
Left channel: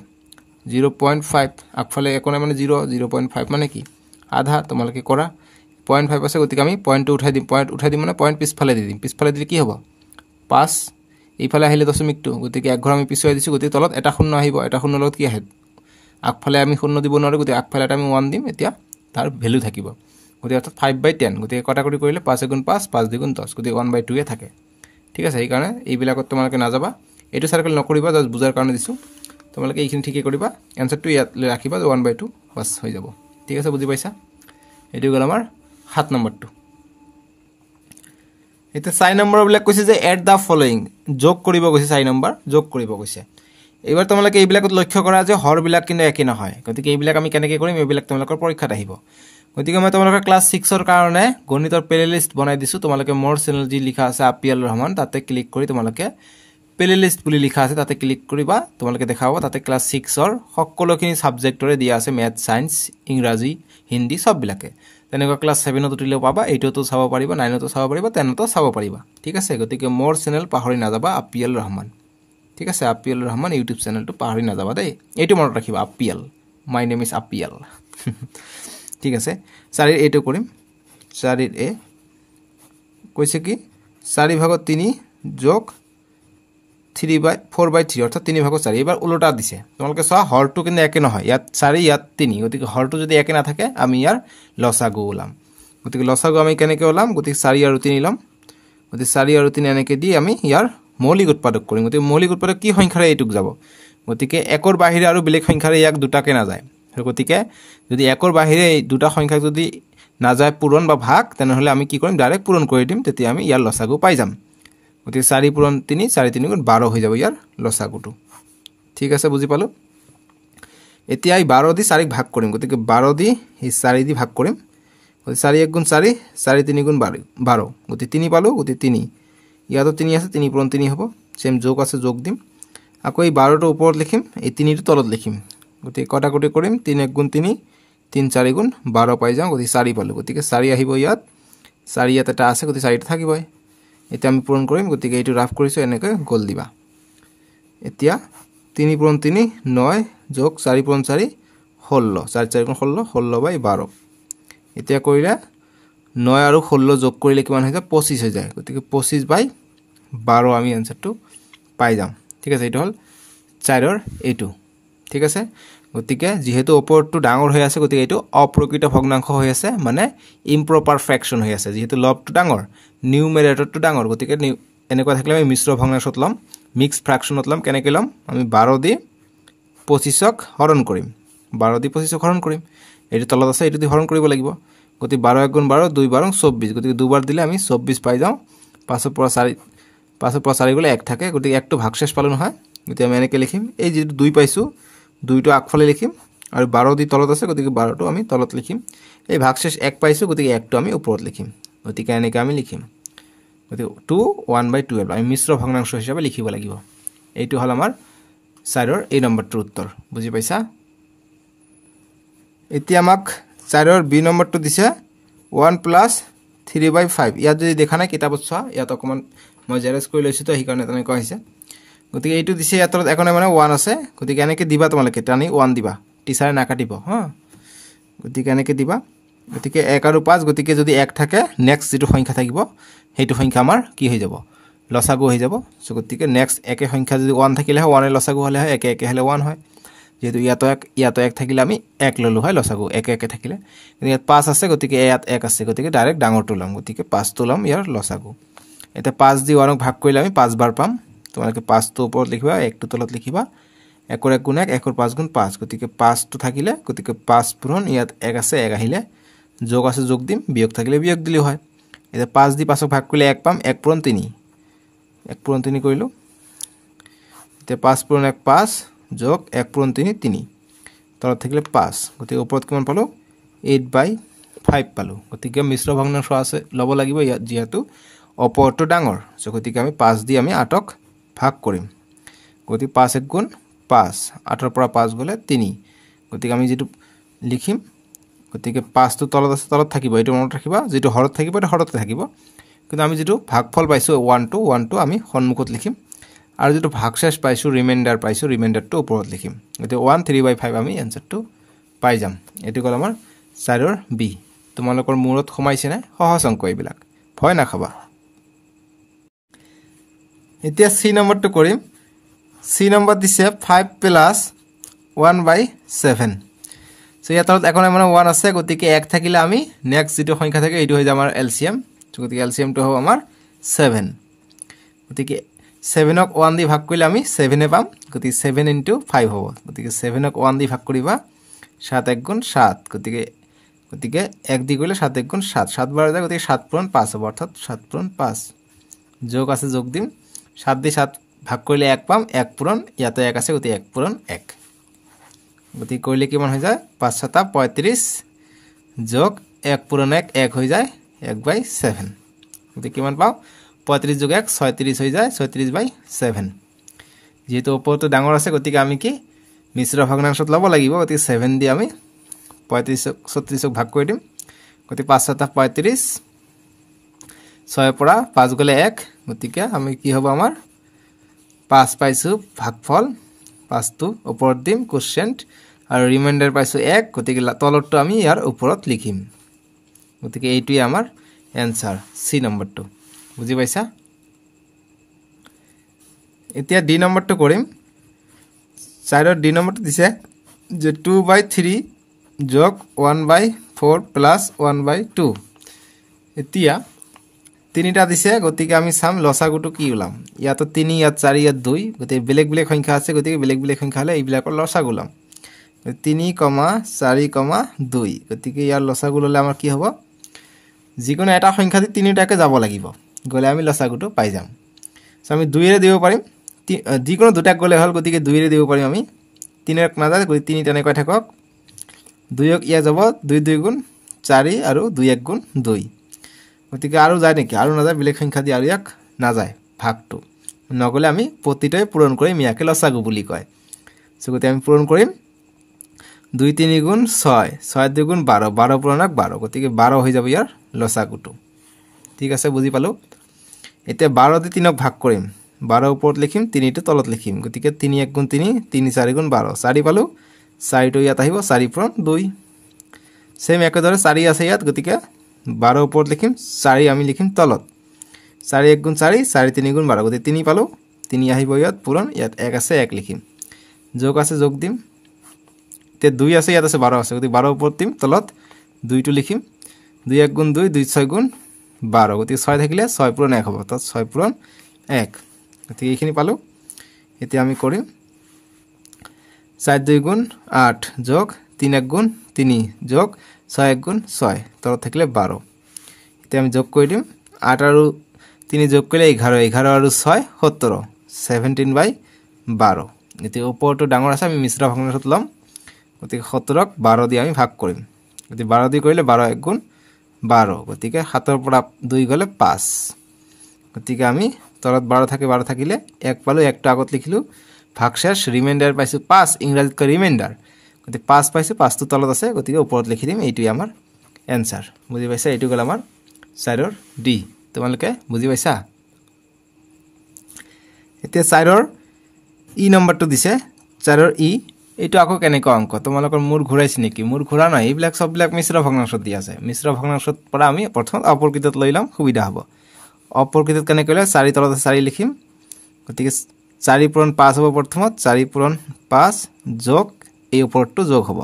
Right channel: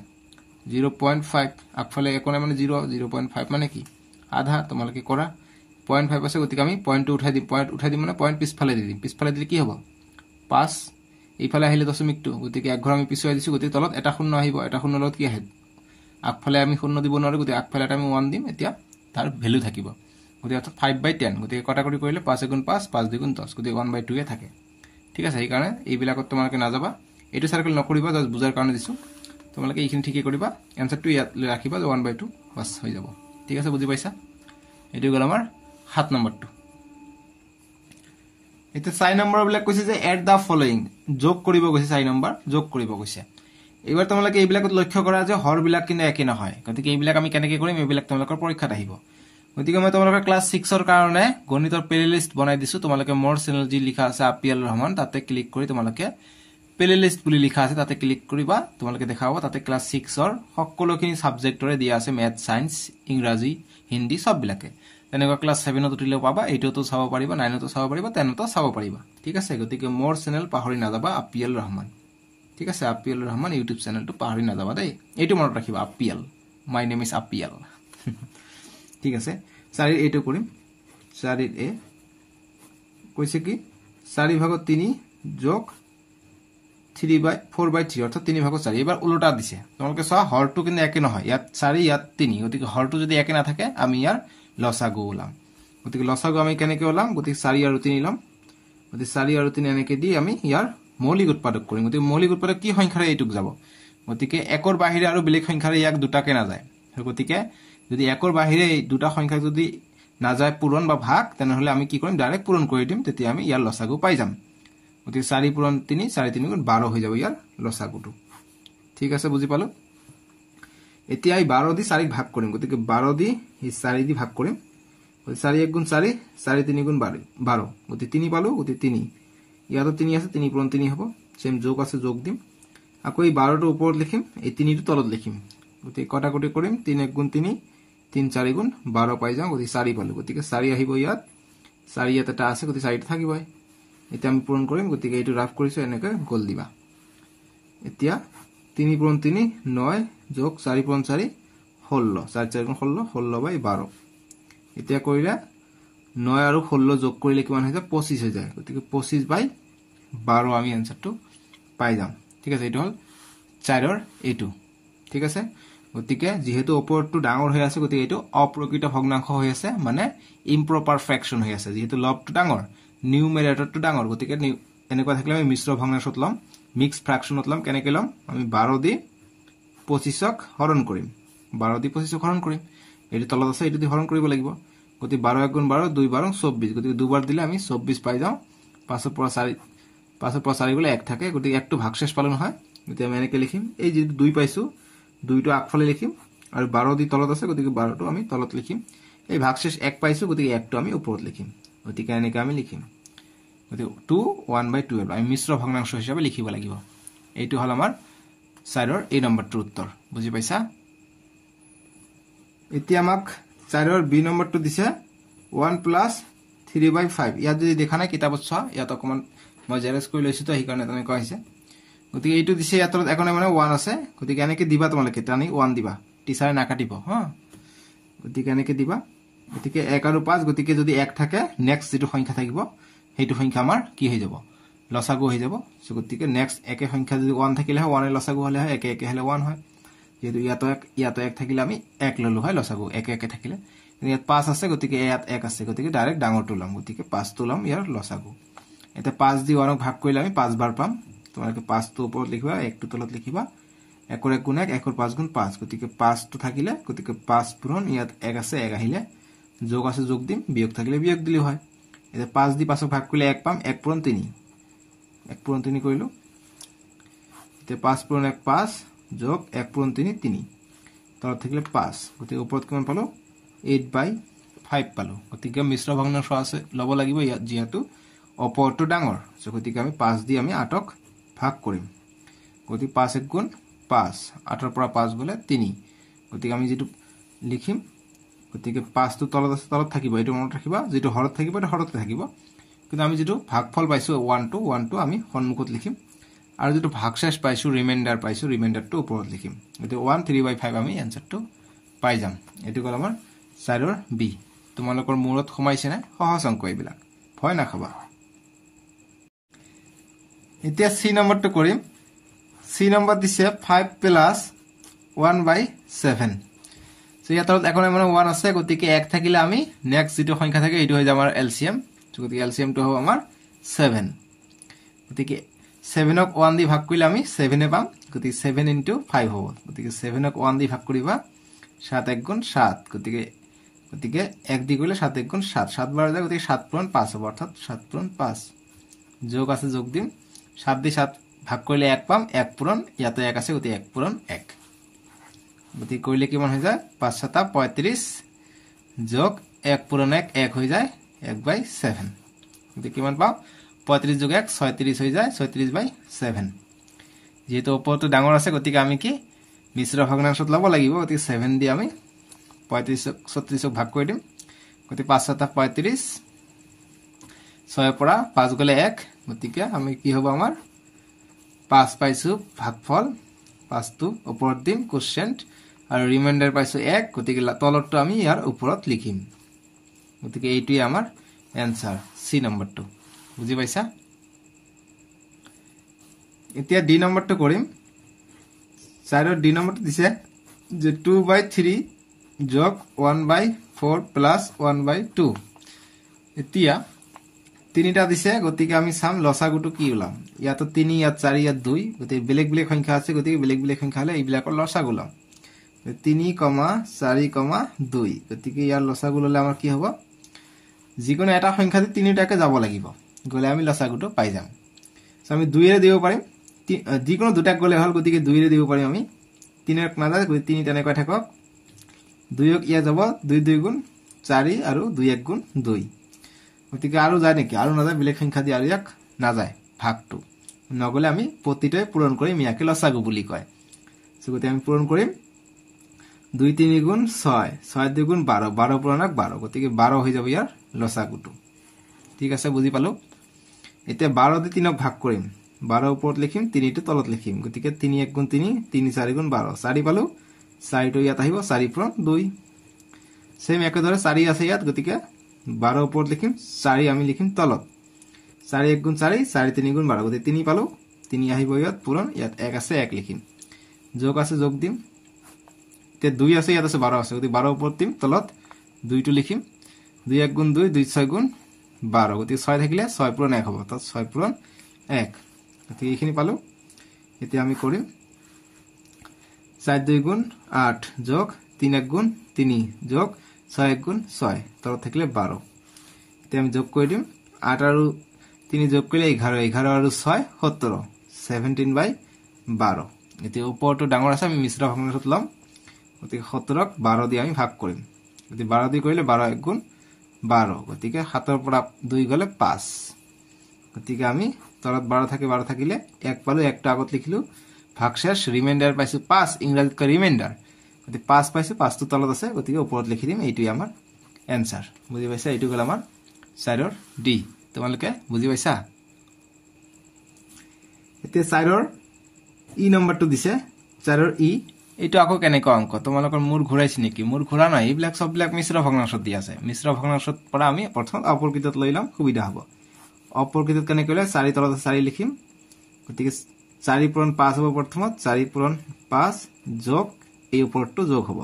0.5 আগফালে একোনা মানে 0 0.5 মানে কি আধা তোমালোকে কৰা 0.5 আছে গতিকে আমি পয়েন্টটো উঠাই দিম মানে পয়েন্ট পিছফালে দি দিম পিছফালে দিলে কি হ'ব 5 এইফালে আহিলে দশমিকটো গতিকে এক ঘৰ আমি পিছুৱাই দিছো গতিকে তলত এটা শূন্য আহিব এটা শূন্য লগত কি আহে আগফালে আমি শূন্য দিব নোৱাৰো গতিকে আগফালে আমি 1 দিম এতিয়া তাৰ ভ্যালু থাকিব গতিকে অৰ্থাৎ 5/10 গতিকে কটাকটি কৰিলে 5 গুণ 5 5 2 গুণ 10 গতিকে 1/2 এ থাকে ঠিক আছে এই কাৰণে এই বিলাকত তোমালোকে না যাবা এটো সাৰ্কেল নকৰিবা জাস্ট বুজাৰ কাৰণে দিছো তোমালোকে এইখিনি ঠিকই কৰিবা এনসাৰটো ইয়াত ৰাখিবা 1/2 বাস হৈ যাব ঠিক আছে বুজি পাইছা এটো গল আমাৰ 7 নম্বৰটো এটা 6 নম্বৰ বিলাক কৈছে যে এড দা ফলোইং যোগ কৰিব কৈছে 6 নম্বৰ যোগ কৰিব কৈছে এবাৰ তোমালোকে এই বিলাকত লক্ষ্য কৰা যে হৰ বিলাক কিন্তু একে নহয় গতিকে এই বিলাক আমি কেনেকৈ কৰিম এই বিলাক তোমালোকৰ পৰীক্ষাত আহিব গতিকে মই তোমালোকৰ ক্লাস 6 ৰ কাৰণে গণিতৰ প্লেলিস্ট বনাই দিছো তোমালোকে মোৰ চেনেল যি লিখা আছে আপিএল ৰহমান তাতে ক্লিক কৰি তোমালোকে প্লেলিস্ট বুলি লিখা আছে তাতে ক্লিক কৰিবা তোমালোকে দেখাব তাতে ক্লাস 6 ৰ সকলোখিনি সাবজেক্টৰে দিয়া আছে ম্যাথ সায়েন্স ইংৰাজী হিন্দী সব বিলাকে তেনেকৈ ক্লাস 7 ত উঠিলেও পাবা 8 তো চাব পাৰিবা 9 তো চাব পাৰিবা 10 তো চাব পাৰিবা ঠিক আছে গতিকে মোৰ চেনেল পাহৰি নাযাবা আপিএল ৰহমান ঠিক আছে আপিএল ৰহমান ইউটিউব চেনেলটো পাহৰি নাযাবা দেই এইটো মনত ৰাখিবা IPL my name is IPL ঠিক আছে 4 এটো কৰিম 4 এ কৈছে কি 4 ভাগত 3 যোগ 4/3 অর্থাৎ 3 ভাগ 4 এবাৰ উল্টা দিছে তোমালোকে চা হৰটো কিন্তু একে নহয় ইয়াত 4 ইয়াত 3 গতিকে হৰটো যদি একে না থাকে আমি ইয়াৰ লসাগু ওলাম গতিকে লসাগু আমি কেনেকৈ ওলাম গতিকে 4 আৰু 3 লম গতিকে 4 আৰু 3 এনেকৈ দি আমি ইয়াৰ মৌলিক উৎপাদক কৰিম গতিকে মৌলিক উৎপাদক কি সংখ্যাৰে এইটুক যাব গতিকে একৰ বাহিৰে আৰু বেলেগ সংখ্যাৰে ইয়াক দুটাকে না যায় গতিকে যদি একৰ বাহিৰে এই দুটা সংখ্যা যদি না যায় পূৰণ বা ভাগ তেনহলে আমি কি কৰিম ডাইৰেক্ট পূৰণ কৰি দিম তেতিয়া আমি ইয়াৰ লসাগু পাই যাম গতিকে 4 পূৰণ 3 4 3 গুণ 12 হৈ যাব ইয়াৰ লসাগুটো ঠিক আছে বুজি পালো এতিয়া এই 12 দি 4 ভাগ কৰিম গতিকে 12 দি এই 4 দি ভাগ কৰিম গতিকে 4 1 গুণ 4 4 3 গুণ 12 গতিকে 3 পালো গতিকে 3 ইয়াতো 3 আছে 3 পূৰণ 3 হ'ব সেম যোগ আছে যোগ দিম আকৌ এই 12 টো ওপৰত লিখিম এই 3 টো তলত লিখিম গতিকে কটাকটি কৰিম 3 1 গুণ 3 3 4 গুণ 12 পাই যাও গতিকে 4 পালো গতিকে 4 আহিব ইয়াত 4 ইয়াত এটা আছে গতিকে 4 টা থাকিবই এটা আমি পূরণ কৰিম গতিকে এইটো ৰাফ কৰিছো এনেকৈ গোল দিবা এতিয়া 3 পূরণ 3 9 যোগ 4 পূরণ 4 16 4 4 গুণ 16 16 বাই 12 এতিয়া কৰিলে 9 আৰু 16 যোগ কৰিলে কিমান হৈ যায় 25 হৈ যায় গতিকে 25 বাই 12 আমি আনসারটো পাই যাম ঠিক আছে এইটো হল 4 ৰ এইটো ঠিক আছে গতিকে যেহেতু ওপৰটো ডাঙৰ হৈ আছে গতিকে এইটো অপ্ৰকৃত ভগ্নাংশ হৈ আছে মানে ইম্প্ৰপাৰ ফ্ৰেকশন হৈ আছে যেহেতু লবটো ডাঙৰ নিউমেৰেটৰটো ডাঙৰ গতিকে এনেকুৱা থাকিলে আমি মিশ্ৰ ভগ্নাংশত লম মিক্স ফ্ৰেকশনত লম কেনেকৈ লম আমি 12 দি 25ক হৰণ কৰিম 12 দি 25ক হৰণ কৰিম এইটো তলত আছে এইটো দি হৰণ কৰিব লাগিব গতি 12 গুণ 12 2 12 24 গতিকে দুবাৰ দিলে আমি 24 পাই যাও 5 পৰা 4 গলে 1 থাকে গতিকে একটো ভাগশেষ পালো নহয় গতিকে আমি এনেকৈ লিখিম এই যে 2 পাইছো 2টো আগফালে লিখিম আৰু 12 দি তলত আছে গতিকে 12টো আমি তলত লিখিম এই ভাগশেষ 1 পাইছো গতিকে 1টো আমি ওপৰত লিখিম গতিকে এনেকৈ আমি লিখিম গতিকে 2 1/12 আমি মিশ্ৰ ভগ্নাংশ হিচাপে লিখিব লাগিব এইটো হল আমাৰ 4ৰ এই নম্বৰটোৰ উত্তৰ বুজি পাইছা এতিয়া আমাক 4ৰ বি নম্বৰটো দিছে 1 + 3/5 ইয়াত যদি দেখা নাই কিতাপত চোৱা ইয়াত অকমান মই জেৰক্স কৰি লৈছো তো সেইকাৰণে তেনেকৈ হৈছে গতিকে এইটো দিছে ইয়াত একনে মানে 1 আছে গতিকে এনেকৈ দিবা তোমালোকে টানি 1 দিবা টিচাৰে না কাটিব হা গতিকে এনেকৈ দিবা গতিকে 1 আৰু 5 গতিকে যদি 1 থাকে নেক্সট যেটো সংখ্যা থাকিব হেতু সংখ্যা আমাৰ কি হৈ যাব লসাগু হৈ যাব সো গতিকে নেক্সট একে সংখ্যা যদি 1 থাকিলে 1 এর লসাগু হলে হয় একে একে হলে 1 হয় যেহেতু ইয়াতো 1 থাকিলে আমি 1 ললো হয় লসাগু একে একে থাকিলে ইয়াত 5 আছে গতিকে ইয়াত 1 আছে গতিকে ডাইৰেক্ট ডাঙৰটো লম গতিকে 5 টো লম ইয়াৰ লসাগু এটা 5 দি 1ক ভাগ কৰিলে আমি 5 বাৰ পাম তোমালোকে 5 টো ওপৰত লিখিবা 1 টো তলত লিখিবা 1 ৰ 1 গুণ 1 1 ৰ 5 গুণ 5 গতিকে 5 টো থাকিলে গতিকে 5 পূৰণ ইয়াত 1 আছে 1 আহিলে যোগ আছে যোগ দিম বিয়োগ থাকিলে বিয়োগ দিলে হয় এটা 5 দি 5ক ভাগ কৰিলে 1 পাম 1 পূৰণ 3 1 পূৰণ 3 কৰিলো এটা 5 পূৰণ 1 5 যোগ 1 পূৰণ 3 3 তলত থাকিলে 5 গতিকে ওপৰত কিমান পালো 8/5 পালো গতিকে মিশ্ৰ ভগ্নাংশ আছে লব লাগিব ইয়াত যেহেতু ওপৰটো ডাঙৰ সো গতিকে আমি 5 দি আমি 8ক ভাগ কৰিম গতিকে 5 1 গুণ 5 8 ৰ পৰা 5 গলে 3 গতিকে আমি যেটো লিখিম গতিকে 5 টো তলত আছে তলত থাকিব এটো মনত ৰাখিবা যেটো হৰত থাকিব এটা হৰতে থাকিব কিন্তু আমি যেটো ভাগফল পাইছো 1 to আমি সন্মুখত লিখিম আৰু যেটো ভাগশেষ পাইছো ৰিমাইন্ডাৰ পাইছো ৰিমাইন্ডাৰটো ওপৰত লিখিম গতিকে 1 3/5 আমি এনসাৰটো পাই যাম এটো কল আমাৰ 4ৰ বি তোমালোকৰ মূৰত খমাইছে না সহজ অংক এইবিলাক ভয় না খাবা এতিয়া সি নম্বৰটো কৰিম সি নম্বৰ দিছে 5 + 1/7 সো ইয়াত এখন মানে 1 আছে গতিকে 1 থাকিলে আমি নেক্সট যেটো সংখ্যা থাকে এইটো হৈ যায় আমাৰ এলসিএম গতিকে এলসিএমটো হ'ব আমাৰ 7 গতিকে 7ক 1 দি ভাগ কৰিলে আমি 7 এ পাম গতিকে 7 * 5 হ'ব গতিকে 7ক 1 দি ভাগ কৰিবা 7 1 গুণ 7 গতিকে 1 দি কৰিলে 7 1 গুণ 7 7 বাৰ যায় গতিকে 7 পূৰণ 5 হ'ব অৰ্থাৎ 7 পূৰণ 5 যোগ আছে যোগ দিম 7 দি 7 ভাগ কৰিলে 1 পাম 1 পূৰণ ইয়াতে 1 আছে গতিকে 1 পূৰণ 1 গতি কৰিলে কিমান হৈ যায় 5 7 35 যোগ 1 পূৰণ 1 1 হৈ যায় 1/7 গতি কিমান পাও 35 যোগ 1 36 হৈ যায় 36/7 যেহেতু ওপৰটো ডাঙৰ আছে গতিকে আমি কি মিশ্ৰ ভগ্নাংশত লব লাগিব গতি 7 দি আমি 35 36ক ভাগ কৰি দিম গতি 5 7 35 6 পৰা 5 গলে 1 গতিকে আমি কি হ'ব আমাৰ 5 পাইছো ভাগফল 5 টো ওপৰত দিম কোশেন্ট আৰু ৰিমাইন্ডাৰ পাইছো 1 গতিকে তলৰটো আমি ইয়াৰ ওপৰত লিখিম গতিকে এইটোই আমাৰ এনসাৰ সি নম্বৰটো বুজি পাইছা এতিয়া ডি নম্বৰটো কৰিম 4ৰ ডি নম্বৰটো দিছে যে 2/3 যোগ 1/4 + 1/2 এতিয়া তিনিটা দিছে গতিকে আমি সাম লসাগুটো কি উলাম ইয়াতো 3 ইয়াত 4 ইয়াত 2 গতিকে বেলেগ বেলেগ সংখ্যা আছে গতিকে বেলেগ বেলেগ সংখ্যা হলে এইবিলাকৰ লসাগু উলাম 3, 4, 2 গতিকে ইয়াৰ লসাগু ললে আমাৰ কি হ'ব যিকোনো এটা সংখ্যা দি তিনিটাকে যাব লাগিব গলে আমি লসাগুটো পাই যাম সো আমি 2 এৰে দিব পাৰিম যিকোনো দুটাক গলে হল গতিকে 2 এৰে দিব পাৰিম আমি 3ক নাযায় গতিকে 3 তেনেকৈ থাকক 2ক ইয়া যাব 2 2 গুণ 4 আৰু 2 1 গুণ 2 গতিকে আৰু যায় নেকি আৰু নাযায় বেলেগ সংখ্যা দি আৰু ইয়াক নাযায় ভাগটো নগলে আমি প্ৰতিটাই পূৰণ কৰিম ইয়াকে লসাগু বুলি কয় সো গতি আমি পূৰণ কৰিম 2 3 গুণ 6 6 2 গুণ 12 12 পূৰণ 12 গতিকে 12 হৈ যাব ইয়াৰ লসাগুটো ঠিক আছে বুজি পালো এতিয়া 12 দি 3ক ভাগ কৰিম 12 ওপৰত লিখিম 3 টো তলত লিখিম গতিকে 3 1 গুণ 3 3 4 গুণ 12 4 পালো 4 টো ইয়াত আহিব 4 পূৰণ 2 সেম একেদৰে 4 আছে ইয়াত গতিকে 12 ওপৰত লিখিম 4 আমি লিখিম তলত 4 1 গুণ 4 4 3 গুণ 12 গতিকে 3 পালো 3 আহিব ইয়াত পূৰণ ইয়াত 1 আছে 1 লিখিম যোগ আছে যোগ দিম তে 2 আছে ইয়াত আছে 12 আছে গতিকে 12 ওপৰত দিম তলত 2 টো লিখিম 2 1 গুণ 2 2 6 গুণ 12 গতিকে 6 থাকিলে 6 পূৰণ 1 হ'ব তো 6 পূৰণ 1 গতিকে এইখিনি পালো এতিয়া আমি কৰিম 4 2 গুণ 8 যোগ 3 1 গুণ 3 যোগ 6 1 গুণ 6 তলত থাকিলে 12 এতিয়া আমি যোগ কৰি দিম 8 আৰু 3 যোগ কৰিলে 11 11 আৰু 6 17 17/12 এতিয়া ওপৰটো ডাঙৰ আছে আমি মিশ্ৰ ভগ্নাংশত লম গতিকে 17ক 12 দি আমি ভাগ কৰিম গতিকে 12 দি কৰিলে 12 1 গুণ 12 গতিকে 7 ৰ পৰা 2 গলে 5 গতিকে আমি তলত 12 থাকে 12 থাকিলে 1 পালো 1 টো আগত লিখিলো ভাগশেষ ৰিমাইন্ডাৰ পাইছো 5 ইংৰাজীত কৈ ৰিমাইন্ডাৰ গতিকে 5 পাইছো 5 টো তলত আছে গতিকে ওপৰত লিখি দিম এইটোই আমাৰ এনসাৰ বুজি পাইছা এইটো গল আমাৰ সাইডৰ ডি তোমালোকে বুজি পাইছা এতিয়া সাইডৰ ই নম্বৰটো দিছে সাইডৰ ই এইটো আকৌ কেনেকৈ অংক তোমালোকৰ মূৰ ঘূৰাইছে নেকি মূৰ ঘূৰা নাই এইবিলাক সববিলাক মিশ্ৰ ভগ্নাংশত দি আছে মিশ্ৰ ভগ্নাংশত পৰা আমি প্ৰথম অপৰকৃতত লৈ লম সুবিধা হ'ব অপৰকৃতত কেনে কৰিলে 4 তলত 4 লিখিম গতিকে 4 পূৰণ 5 হ'ব প্ৰথমত 4 পূৰণ 5 যোগ এই ওপৰটো যোগ হ'ব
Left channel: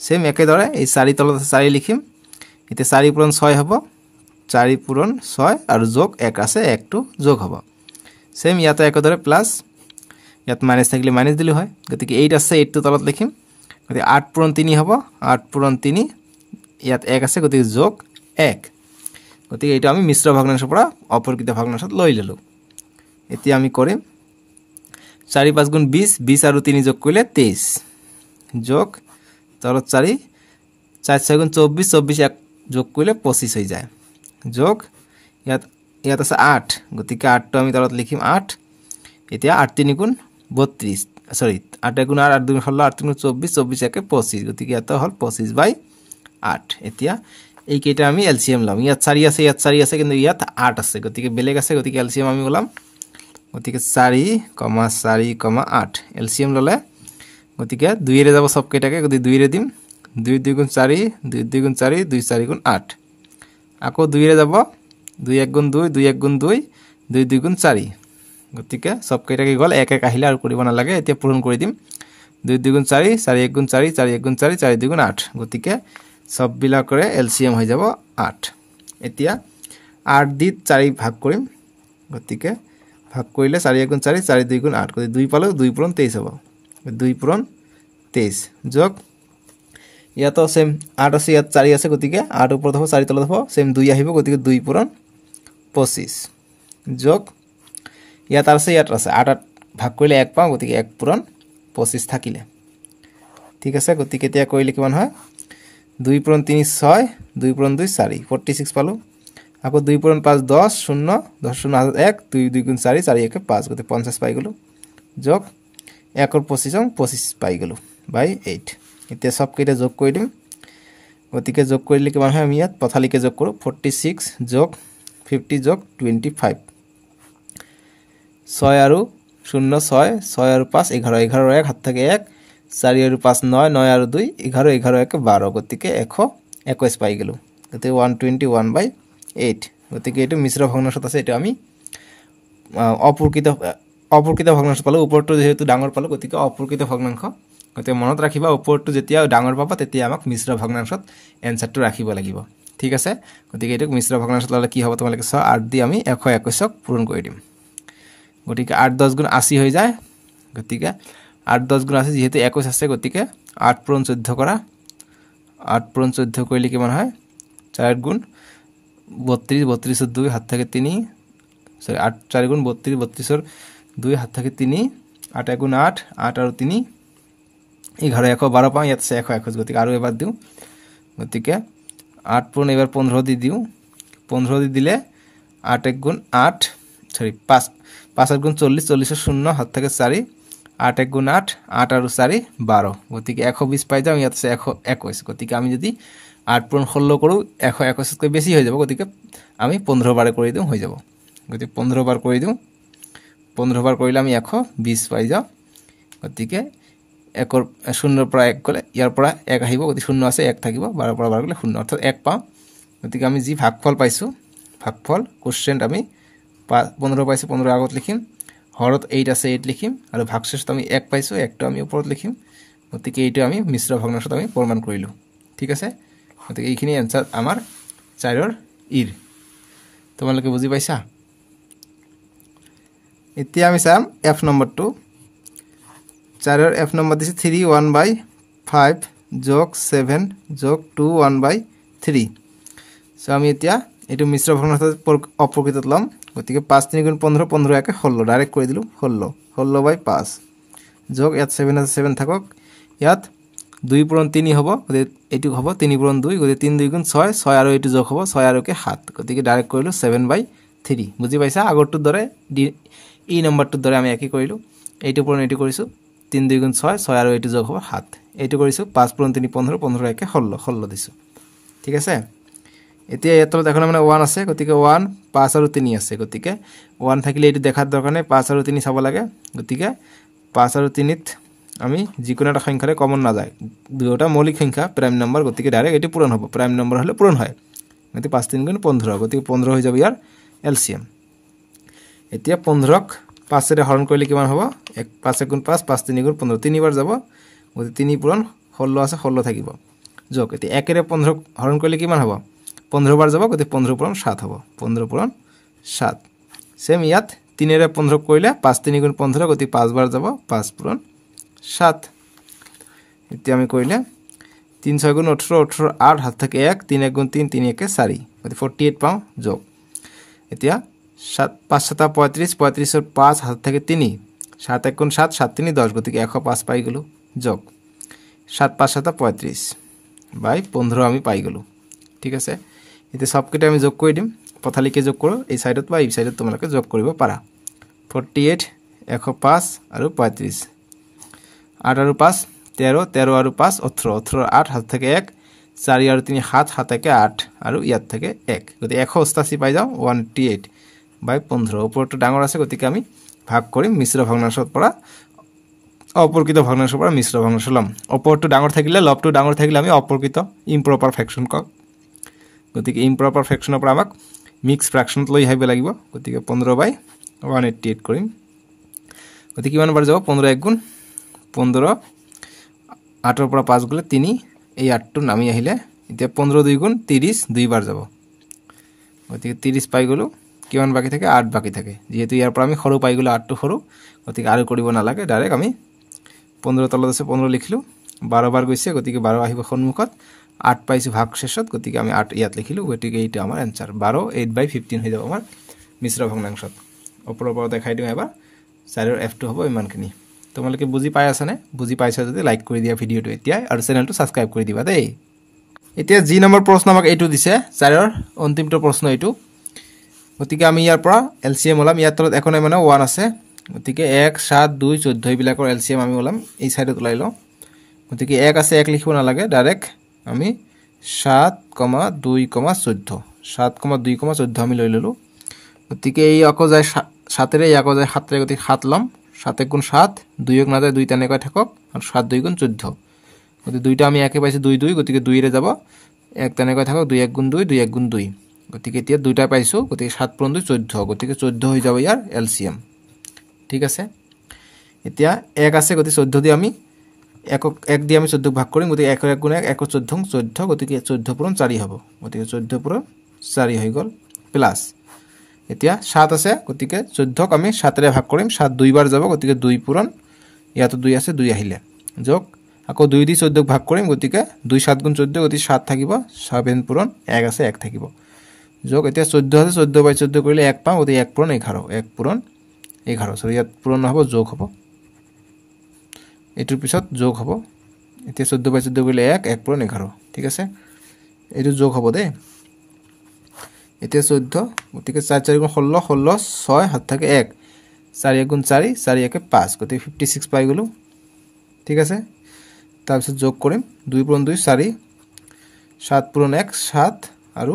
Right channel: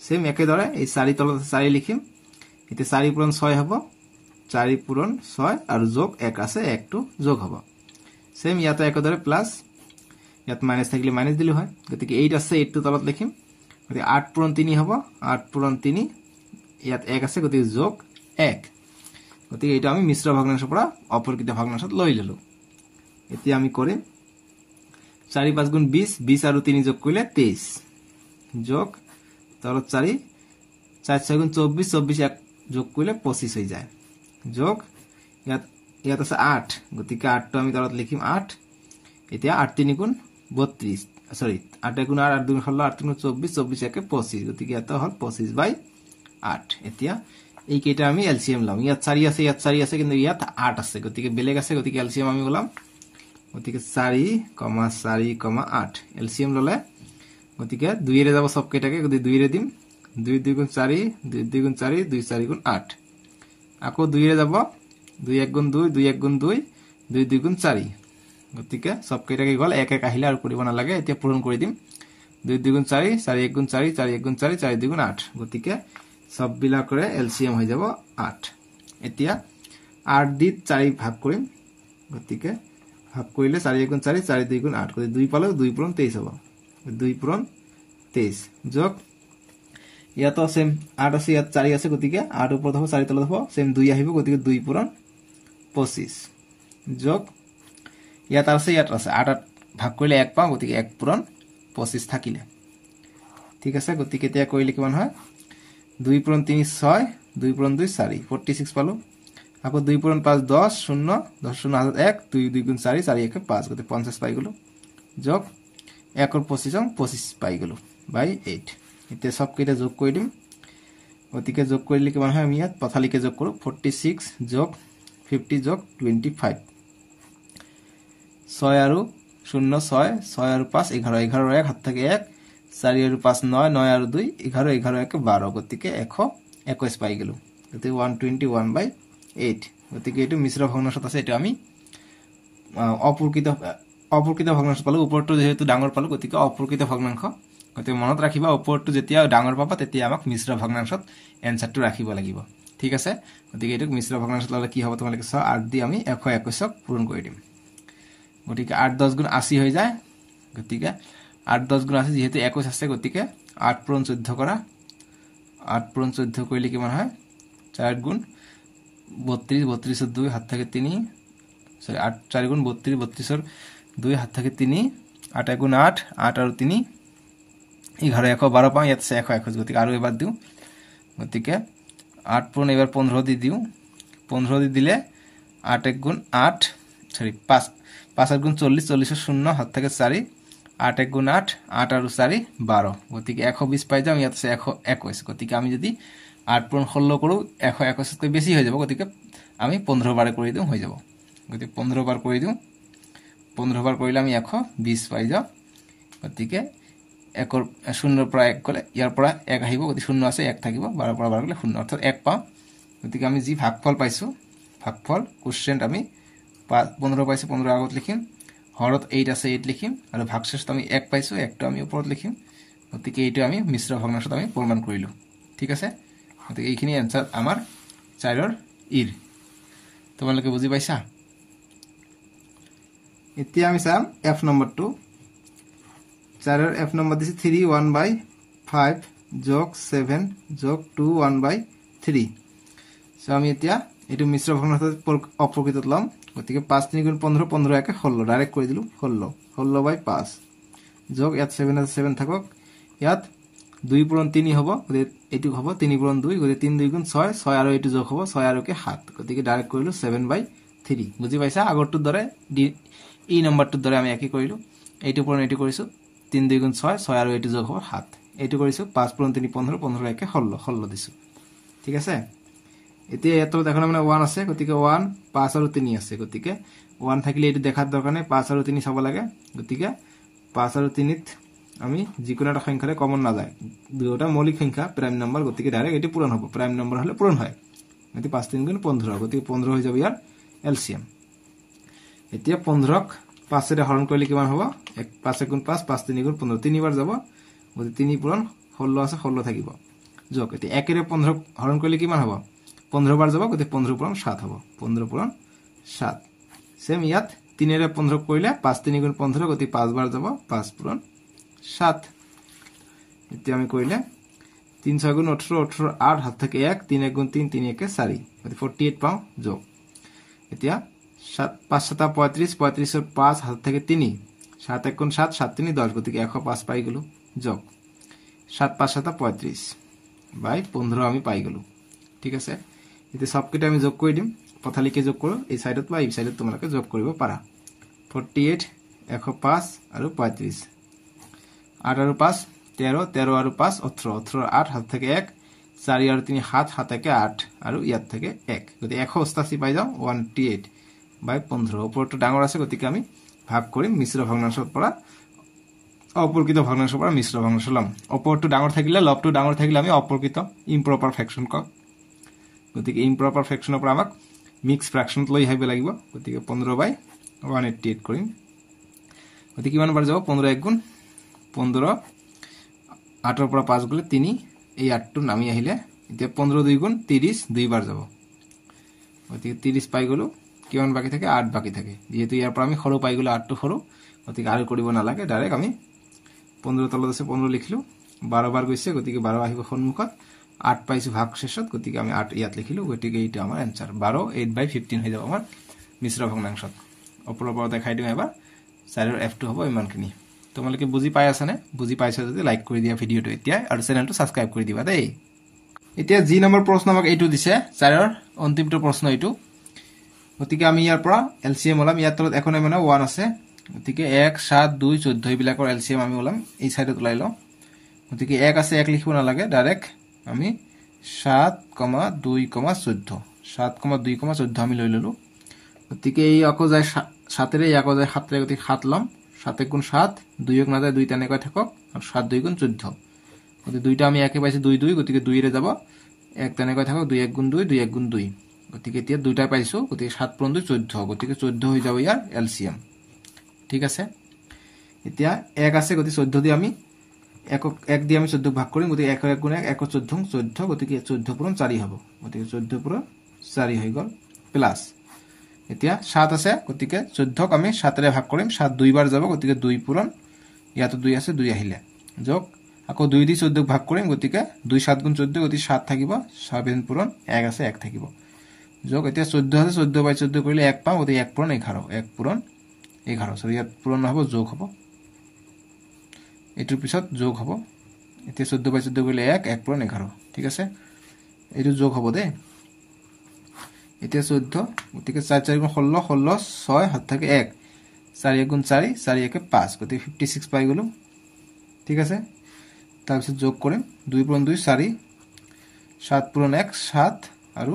সেম একেদৰে এই 4 তলত 4 লিখিম এতিয়া 4 পূৰণ 6 হ'ব 4 পূৰণ 6 আৰু যোগ 1 আছে 1 টো যোগ হ'ব সেম ইয়াতে একেদৰে প্লাস ইয়াত মাইনাস থাকিলে মাইনাস দিলে হয় গতিকে 8 আছে 8 টো তলত লিখিম গতিকে 8 পূৰণ 3 হ'ব 8 পূৰণ 3 ইয়াত 1 আছে গতিকে যোগ 1 গতিকে এটা আমি মিশ্র ভগ্নাংশৰ পৰা অপৰকৃত ভগ্নাংশত লৈ ললো এতিয়া আমি কৰিম 4 5 গুণ 20 20 আৰু 3 যোগ কৰিলে 23 যোগ তলত 4 4 6 গুণ 24 24 এক যোগ কৰিলে 25 হৈ যায় যোগ ইয়াত আছে 8 গতিকে 8 টো আমি তলত লিখিম 8 এতিয়া 8 3 গুণ 32 সরি 8 গুণ 8 2 16 8 গুণ 24 24 একে 25 গতিকে এটা হল 25/8 এতিয়া এই কেটা আমি এলসিএম লম ইয়াত 4 আছে ইয়াত 4 আছে কিন্তু ইয়াত 8 আছে গতিকে বেলেগ আছে গতিকে এলসিএম আমি বলাম গতিকে 4,4,8 এলসিএম ললে গতিকে 2 এর যাব সব কেটাকে গতি 2 এর দিম 2 2 গুণ 4 2 2 গুণ 4 2 4 গুণ 8 আকো 2 এর যাব 2 1 গুণ 2 2 1 গুণ 2 2 2 গুণ 4 গতিকে সব কেটাকে গল এক এক আহিলা আর কৰিব না লাগে এতিয়া পূৰণ কৰি দিম 2 2 গুণ 4 4 1 গুণ 4 4 1 গুণ 4 4 2 গুণ 8 গতিকে সব বিলাকৰে এলসিএম হৈ যাব 8 এতিয়া 8 দি 4 ভাগ কৰিম গতিকে ভাগ কৰিলে 4 1 গুণ 4 4 2 গুণ 8 গতিকে 2 পালো 2 পূৰণ 23 হ'ব 2 পূৰণ 23 যোগ ইয়াতো সেম 8 আছে ইয়াত 4 আছে গতিকে 8 ওপৰত হ'ব 4 তলত হ'ব সেম 2 আহিব গতিকে 2 পূৰণ 25 যোগ ইয়াত আছে 8 ভাগ কৰিলে 1 পাও গতিকে 1 পূৰণ 25 থাকিলে ঠিক আছে গতিকে এতিয়া কৰিলে কিমান হয় 2 পূৰণ 3 6 2 পূৰণ 2 4 46 পালো আকৌ 2 পূৰণ 5 10 0 10 0 1 2 2 গুণ 4 4 1 5 গতে 50 পাই গলো যোগ 1 और 25 পাই গলো বাই 8 এতিয়া সব কেটা যোগ কৰি দিম গতিকে যোগ কৰিলে কিমান হয় আমি ইয়াত পথালিকে যোগ কৰো 46 যোগ 50 যোগ 25 6 আৰু 0 6 6 আৰু 5 11 11 1 হাত থাকে 1 4 আৰু 5 9 9 আৰু 2 11 11 1 12 গতিকে 121 পাই গলো গতিকে 121/8 গতিকে এটো মিশ্র ভগ্নাংশত আছে এটা আমি অপরকৃত ভগ্নাংশ পালো উপৰটো যেহেতু ডাঙৰ পালো গতিকে অপৰকৃত ভগ্নাংশ গতিকে মনত ৰাখিবা উপৰটো যেতিয়া ডাঙৰ পাবা তেতিয়া আমাক মিশ্ৰ ভগ্নাংশত এনসাৰটো ৰাখিব লাগিব ঠিক আছে গতিকে এটো মিশ্র ভগ্নাংশত ললে কি হ'ব তোমালোকে 8 দি আমি 121ক পূৰণ কৰি দিম গতিকে 8 10 গুণ 80 হৈ যায় গতিকে 8 10 গুণ 80 যেহেতু 21 আছে গতিকে 8 পূৰণ 14 কৰা 8 পূৰণ 14 কৰিলে কিমান হয় 4 গুণ 32 32 এর 2 হাত থেকে 3 সরি 8 4 গুণ 32 32 এর 2 হাত থেকে 3 8 গুণ 8 8 আর 3 11 112 পাও ইয়াত 121 গতিকে আৰু এবাৰ দিও গতিকে 8 পূৰণ এবাৰ 15 দি দিও 15 দি দিলে 8 1 গুণ 8 সরি 5 5 গুণ 40 40 এর 0 হাত থেকে 4 8 1 গুণ 8 8 আর 4 12 গতিকে 120 পাই যাম ইয়াত 121 গতিকে আমি যদি 8 পূৰণ 16 কৰো 121 কৈ বেছি হৈ যাব গতিকে আমি 15 বাৰে কৰি দিও হৈ যাব গতিকে 15 বাৰ কৰি দিওঁ 15 বাৰ কৰিলে আমি 120 পাই যাওঁ গতিকে 1 0 পৰা 1 গলে ইয়াৰ পৰা 1 আহিব গতিকে 0 আছে 1 থাকিব 12 পৰা 12 গলে 0 অৰ্থাৎ 1 পাম গতিকে আমি যি ভাগফল পাইছো ভাগফল কোশ্চেন্ট আমি 15 পাইছো 15 আগত লিখিম হৰত 8 আছে 8 লিখিম আৰু ভাগশেষত আমি 1 পাইছো 1 টো আমি ওপৰত লিখিম গতিকে এইটো আমি মিশ্ৰ ভগ্নাংশত আমি প্ৰমাণ কৰিলো ঠিক আছে গতিকে এইখিনি आंसर আমাৰ 4 ৰ ইৰ তোমালোকে বুজি পাইছা এতিয়া আমি চাম f নম্বৰটো 4 ৰ f নম্বৰ দিছে 3 1/5 যোগ 7 যোগ 2 1/3 সো আমি এতিয়া এটো মিশ্র ভগ্নাংশত অপ্রকৃতত লম গতিকে 5 3 গুণ 15 15 একে 16 ডাইরেক্ট কৰি দিলু 16 16/5 যোগ ইয়াত 7 আছে 7 থাকক ইয়াত 2 পূৰণ 3 হ'ব গতিকে এটো হ'ব 3 পূৰণ 2 গতিকে 3 2 গুণ 6 6 আৰু এটো যোগ হ'ব 6 আৰু কে 7 গতিকে ডাইৰেক্ট কৰিলু 7/3 বুজি পাইছা আগৰটো দৰে ই নম্বৰটো দৰে আমি একই কৰিলু এইটো পূৰণ এটো কৰিছো 3 2 গুণ 6 6 আৰু এটো যোগ হ'ব 7 এইটো কৰিছো 5 পূৰণ 3 15 15 একে 16 16 দিছো ঠিক আছে এতিয়া ইয়াত দেখোন মানে 1 আছে গতিকে 1 5 আৰু 3 আছে গতিকে 1 থাকিলে এটো দেখাৰ দৰকাৰ নাই 5 আৰু 3 চাব লাগে গতিকে 5 আৰু 3 ত আমি যিকোনো এটা সংখ্যাৰে কমন না যায় দুটা মৌলিক সংখ্যা প্ৰাইম নম্বৰ গতিকে ডাইৰেক্ট এটো পূৰণ হ'ব প্ৰাইম নম্বৰ হলে পূৰণ হয় গতিকে 5 3 গুণ 15 গতিকে 15 হৈ যাব ইয়াৰ এলসিএম এতিয়া 15 ক 5 ৰে হৰণ কৰিলে কিমান হ'ব 5 গুণ 5 5 3 গুণ 15 তিনিবাৰ যাব গতিকে 3 পূৰণ 16 আছে 16 থাকিব যোগ এতিয়া 1 ৰে 15 হৰণ কৰিলে কিমান হ'ব 15 বাৰ যাব গতিকে 15 পূৰণ 7 হ'ব 15 পূৰণ 7 সেম ইয়াত 3 ৰে 15 কৰিলে 5 3 গুণ 15 গতিকে 5 বাৰ যাব 5 পূৰণ 7 এতিয়া আমি কৰিলে 3 6 গুণ 18 18 8 হাত থাকে 1 3 1 গুণ 3 3 1 4 গতিকে 48 পাও যোগ এতিয়া 7 5 7 35 35 ৰ 5 হাত থাকে 3 7 1 গুণ 7 7 3 10 গতিকে 105 পাই গলো যোগ 7 5 7 35 বাই 15 আমি পাই গলো ঠিক আছে এতিয়া সবকিটা আমি যোগ কৰি দিম পথালিকে যোগ কৰো এই সাইডত বা এই সাইডত তোমালোকে যোগ কৰিব পাৰা 48 105 আৰু 35 8 আৰু 5 13 13 আৰু 5 18 18 8 হাত থাকে 1 4 আৰু 3 7 7 থাকে 8 আৰু ইয়াত থাকে 1 গতি 188 পাই যাও 188 বাই 15 ওপৰটো ডাঙৰ আছে গতিকে আমি ভাগ কৰিম মিশ্ৰ ভগ্নাংশৰ পৰা অপ্ৰকৃত ভগ্নাংশৰ পৰা মিশ্ৰ ভগ্নাংশ লম ওপৰটো ডাঙৰ থাকিলে লবটো ডাঙৰ থাকিলে আমি অপ্ৰকৃত ইম্প্ৰপাৰ ফ্ৰেকশন ক গতিকে ইম্প্ৰপাৰ ফ্ৰেকশনৰ পৰা আমাক মিক্স ফ্ৰেকশনত লৈ আহিব লাগিব গতিকে 15/188 কৰিম গতিকে কিমান বাৰ যাব 15 1 গুণ 15 8 ৰ পৰা 5 গলে 3 এই 8 টো নামি আহিলে এতিয়া 15 2 গুণ 30 দুই বাৰ যাব গতিকে 30 পাই গলো কিমান বাকি থাকে 8 বাকি থাকে যেহেতু ইয়াৰ পৰা আমি সৰু পাই গলো 8 টো সৰু গতিকে আৰু কৰিব না লাগে ডাইৰেক্ট আমি 15 তলত আছে 15 লিখিলো 12 বাৰ গৈছে গতিকে 12 আহিব সন্মুখত 8 পাইছো ভাগ শেষত গতিকে আমি 8 ইয়াত লিখিলো গতিকে এইটা আমাৰ आंसर 12 8/15 হৈ যাব আমাৰ মিশ্ৰ ভগ্নাংশত ওপৰৰ পৰা দেখাই দিম এবাৰ 4 ৰ f2 হ'ব ইমানখিনি তোমালোকে বুজি পাই আছা নে বুজি পাইছা যদি লাইক কৰি দিয়া ভিডিওটো এতিয়া আৰু চেনেলটো সাবস্ক্ৰাইব কৰি দিবা দেই এতিয়া জি নম্বৰ প্ৰশ্ন আমাক এইটো দিছে 4 ৰ অন্তিমটো প্ৰশ্ন এইটো গতিকে আমি ইয়াৰ পৰা এলসিএম ওলাম ইয়াত তলত একো নাই মানে 1 আছে গতিকে 1 7 2 14 বিলাকৰ এলসিএম আমি ওলাম এই সাইডত ওলাই লও গতিকে 1 আছে 1 লিখিব না লাগে ডাইৰেক্ট আমি 7,2,14 7,2,14 আমি লৈ ললো গতিকে এই আকৌ যায় 7 ৰে আকৌ যায় 7 ৰে গতিকে 7 লম 7 1 গুণ 7 2 1 না যায় 2 তেনেকৈ থাকক আৰু 7 2 গুণ 14 গতিকে দুইটা আমি একে পাইছো 2 2 গতিকে 2 ৰে যাব 1 তেনেকৈ থাকক 2 1 গুণ 2 2 1 গুণ 2 গতিকে এতিয়া দুইটা পাইছো গতিকে 7 পূৰণ 2 14 গতিকে 14 হৈ যাব ইয়াৰ এলসিএম ঠিক আছে এতিয়া 1 আছে গতিকে 14 দি আমি 1 দি আমি 14 ভাগ কৰিম গতিকে 1 গুণ 1 1 14 14 গতিকে 14 পূৰণ 4 হ'ব গতিকে 14 পূৰণ 4 হৈ গল প্লাস এতিয়া 7 আছে গতিকে 14 ক আমি 7 ৰে ভাগ কৰিম 7 দুই বাৰ যাব গতিকে 2 পূৰণ ইয়াতো 2 আছে 2 আহিলে যোগ আকৌ 2 দি 14 ভাগ কৰিম গতিকে 2 7 গুণ 14 গতিকে 7 থাকিব 7 পূৰণ 1 আছে 1 থাকিব যোগ এতিয়া 14 আছে 14/14 কৰিলে 1 পাও গতিকে 1 পূৰণ 11 1 পূৰণ 11 সৰি ইয়াত পূৰণ হ'ব যোগ হ'ব এটোৰ পিছত যোগ হ'ব এতিয়া 14/14 কৰিলে 1 1 পূৰণ 11 ঠিক আছে এটো যোগ হ'ব দে এতিয়া 14 গতিকে 4 4 গুণ 16 16 6 হাত থাকে 1 4 1 গুণ 4 4 1 5 গতিকে 56 পাই গলো ঠিক আছে তাৰ পিছত যোগ কৰিম 2 পূৰণ 2 4 7 পূৰণ 1 7 আৰু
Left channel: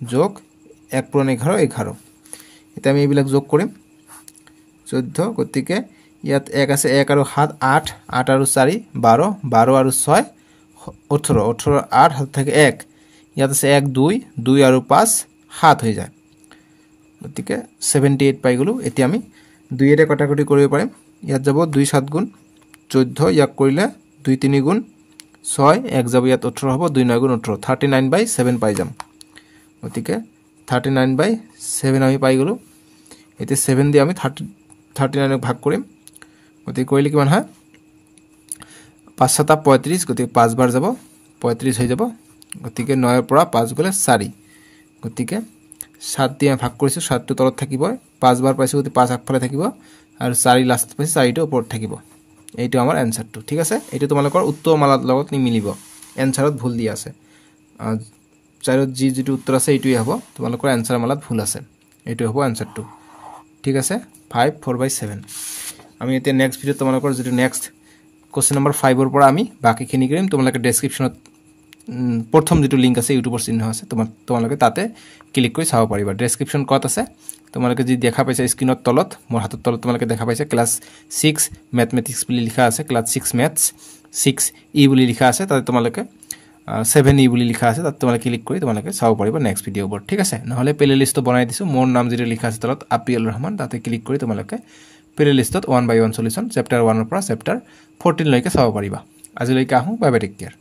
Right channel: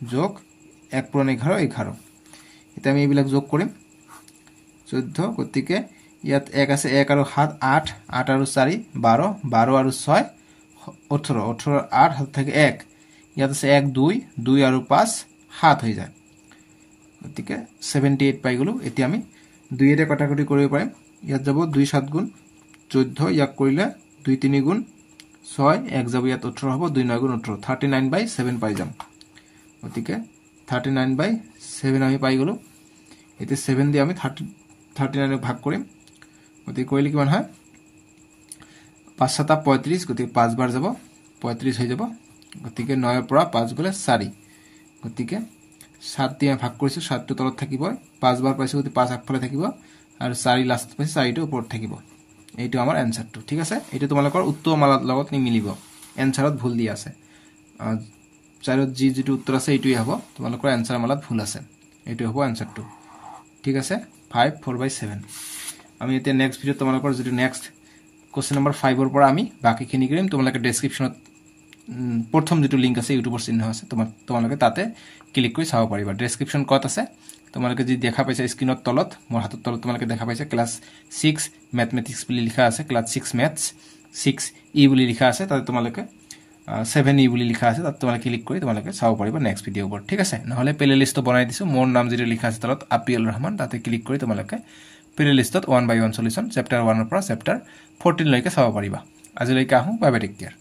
যোগ 1 পূৰণ 11 11 এতিয়া আমি এইবিলাক যোগ কৰিম 14 গতিকে ইয়াত 1 আছে 1 আৰু 7 8 8 আৰু 4 12 12 আৰু 6 18 18 8 হাত থাকে 1 ইয়াত আছে 1 2 2 আৰু 5 7 হৈ যায় গতিকে 78 পাই গলো এতিয়া আমি 2 এৰে কটাকটি কৰিব পাৰিম ইয়াত যাব 2 7 গুণ 14 ইয়াক কৰিলে 2 3 গুণ 6 1 যাব ইয়াত 18 হ'ব 2 9 গুণ 18 39/7 পাই যাম গতিকে 39/7 আমি পাই গলো এতিয়া 7 দি আমি 39 ভাগ কৰিম গতিকে কৰিলে কিমান হয় 5 7 35 গতিকে 5 বাৰ যাব 35 হৈ যাব গতিকে 9 ৰ পৰা 5 গলে 4 গতিকে 7 দি ভাগ কৰিছো 7 টো তলত থাকিব 5 বাৰ পাইছো গতিকে 5 আগফালে থাকিব আৰু 4 লাষ্ট পাইছো 4 টো ওপৰত থাকিব এইটো আমাৰ এনসাৰটো ঠিক আছে এইটো তোমালোকৰ উত্তৰ মালাৰ লগত নিমিলিব এনসাৰত ভুল দি আছে চাৰত যেটো উত্তৰ আছে এইটোই হ'ব তোমালোকৰ এনসাৰ মালাত ভুল আছে এইটো হ'ব এনসাৰটো ঠিক আছে 5 4/7 আমি এতিয়া নেক্সট ভিডিও তোমালোকৰ যেটো নেক্সট কোশ্চেন নম্বৰ 5 ৰ পৰা আমি বাকিখিনি কৰিম তোমালোকে ডেসক্ৰিপচনত প্ৰথম যেটো লিংক আছে ইউটিউবৰ চিহ্ন আছে তোমালোকে তাতে ক্লিক কৰি চাব পাৰিবা ডেসক্ৰিপচন কত আছে তোমালোকে যি দেখা পাইছা স্ক্ৰিনত তলত মোৰ হাতৰ তলত তোমালোকে দেখা পাইছা ক্লাস 6 ম্যাথমেটিক্স বুলি লিখা আছে ক্লাস 6 ম্যাথছ 6 ই বুলি লিখা আছে তাতে তোমালোকে 7 ই বুলি লিখা আছে তাতে তোমালোকে ক্লিক কৰি তোমালোকে চাব পাৰিবা নেক্সট ভিডিওবোৰ ঠিক আছে নহলে প্লেলিষ্টটো বনাই দিছো মোৰ নাম যেটো লিখা আছে তলত আপিল ৰহমান তাতে ক্লিক কৰি তোমালোকে প্লেলিষ্টত 1 by 1 সলিউশন চেপ্টাৰ 1 ৰ পৰা চেপ্টাৰ 14 লৈকে চাব পাৰিবা আজিলৈকে আহো বাই বাই টেক কেয়াৰ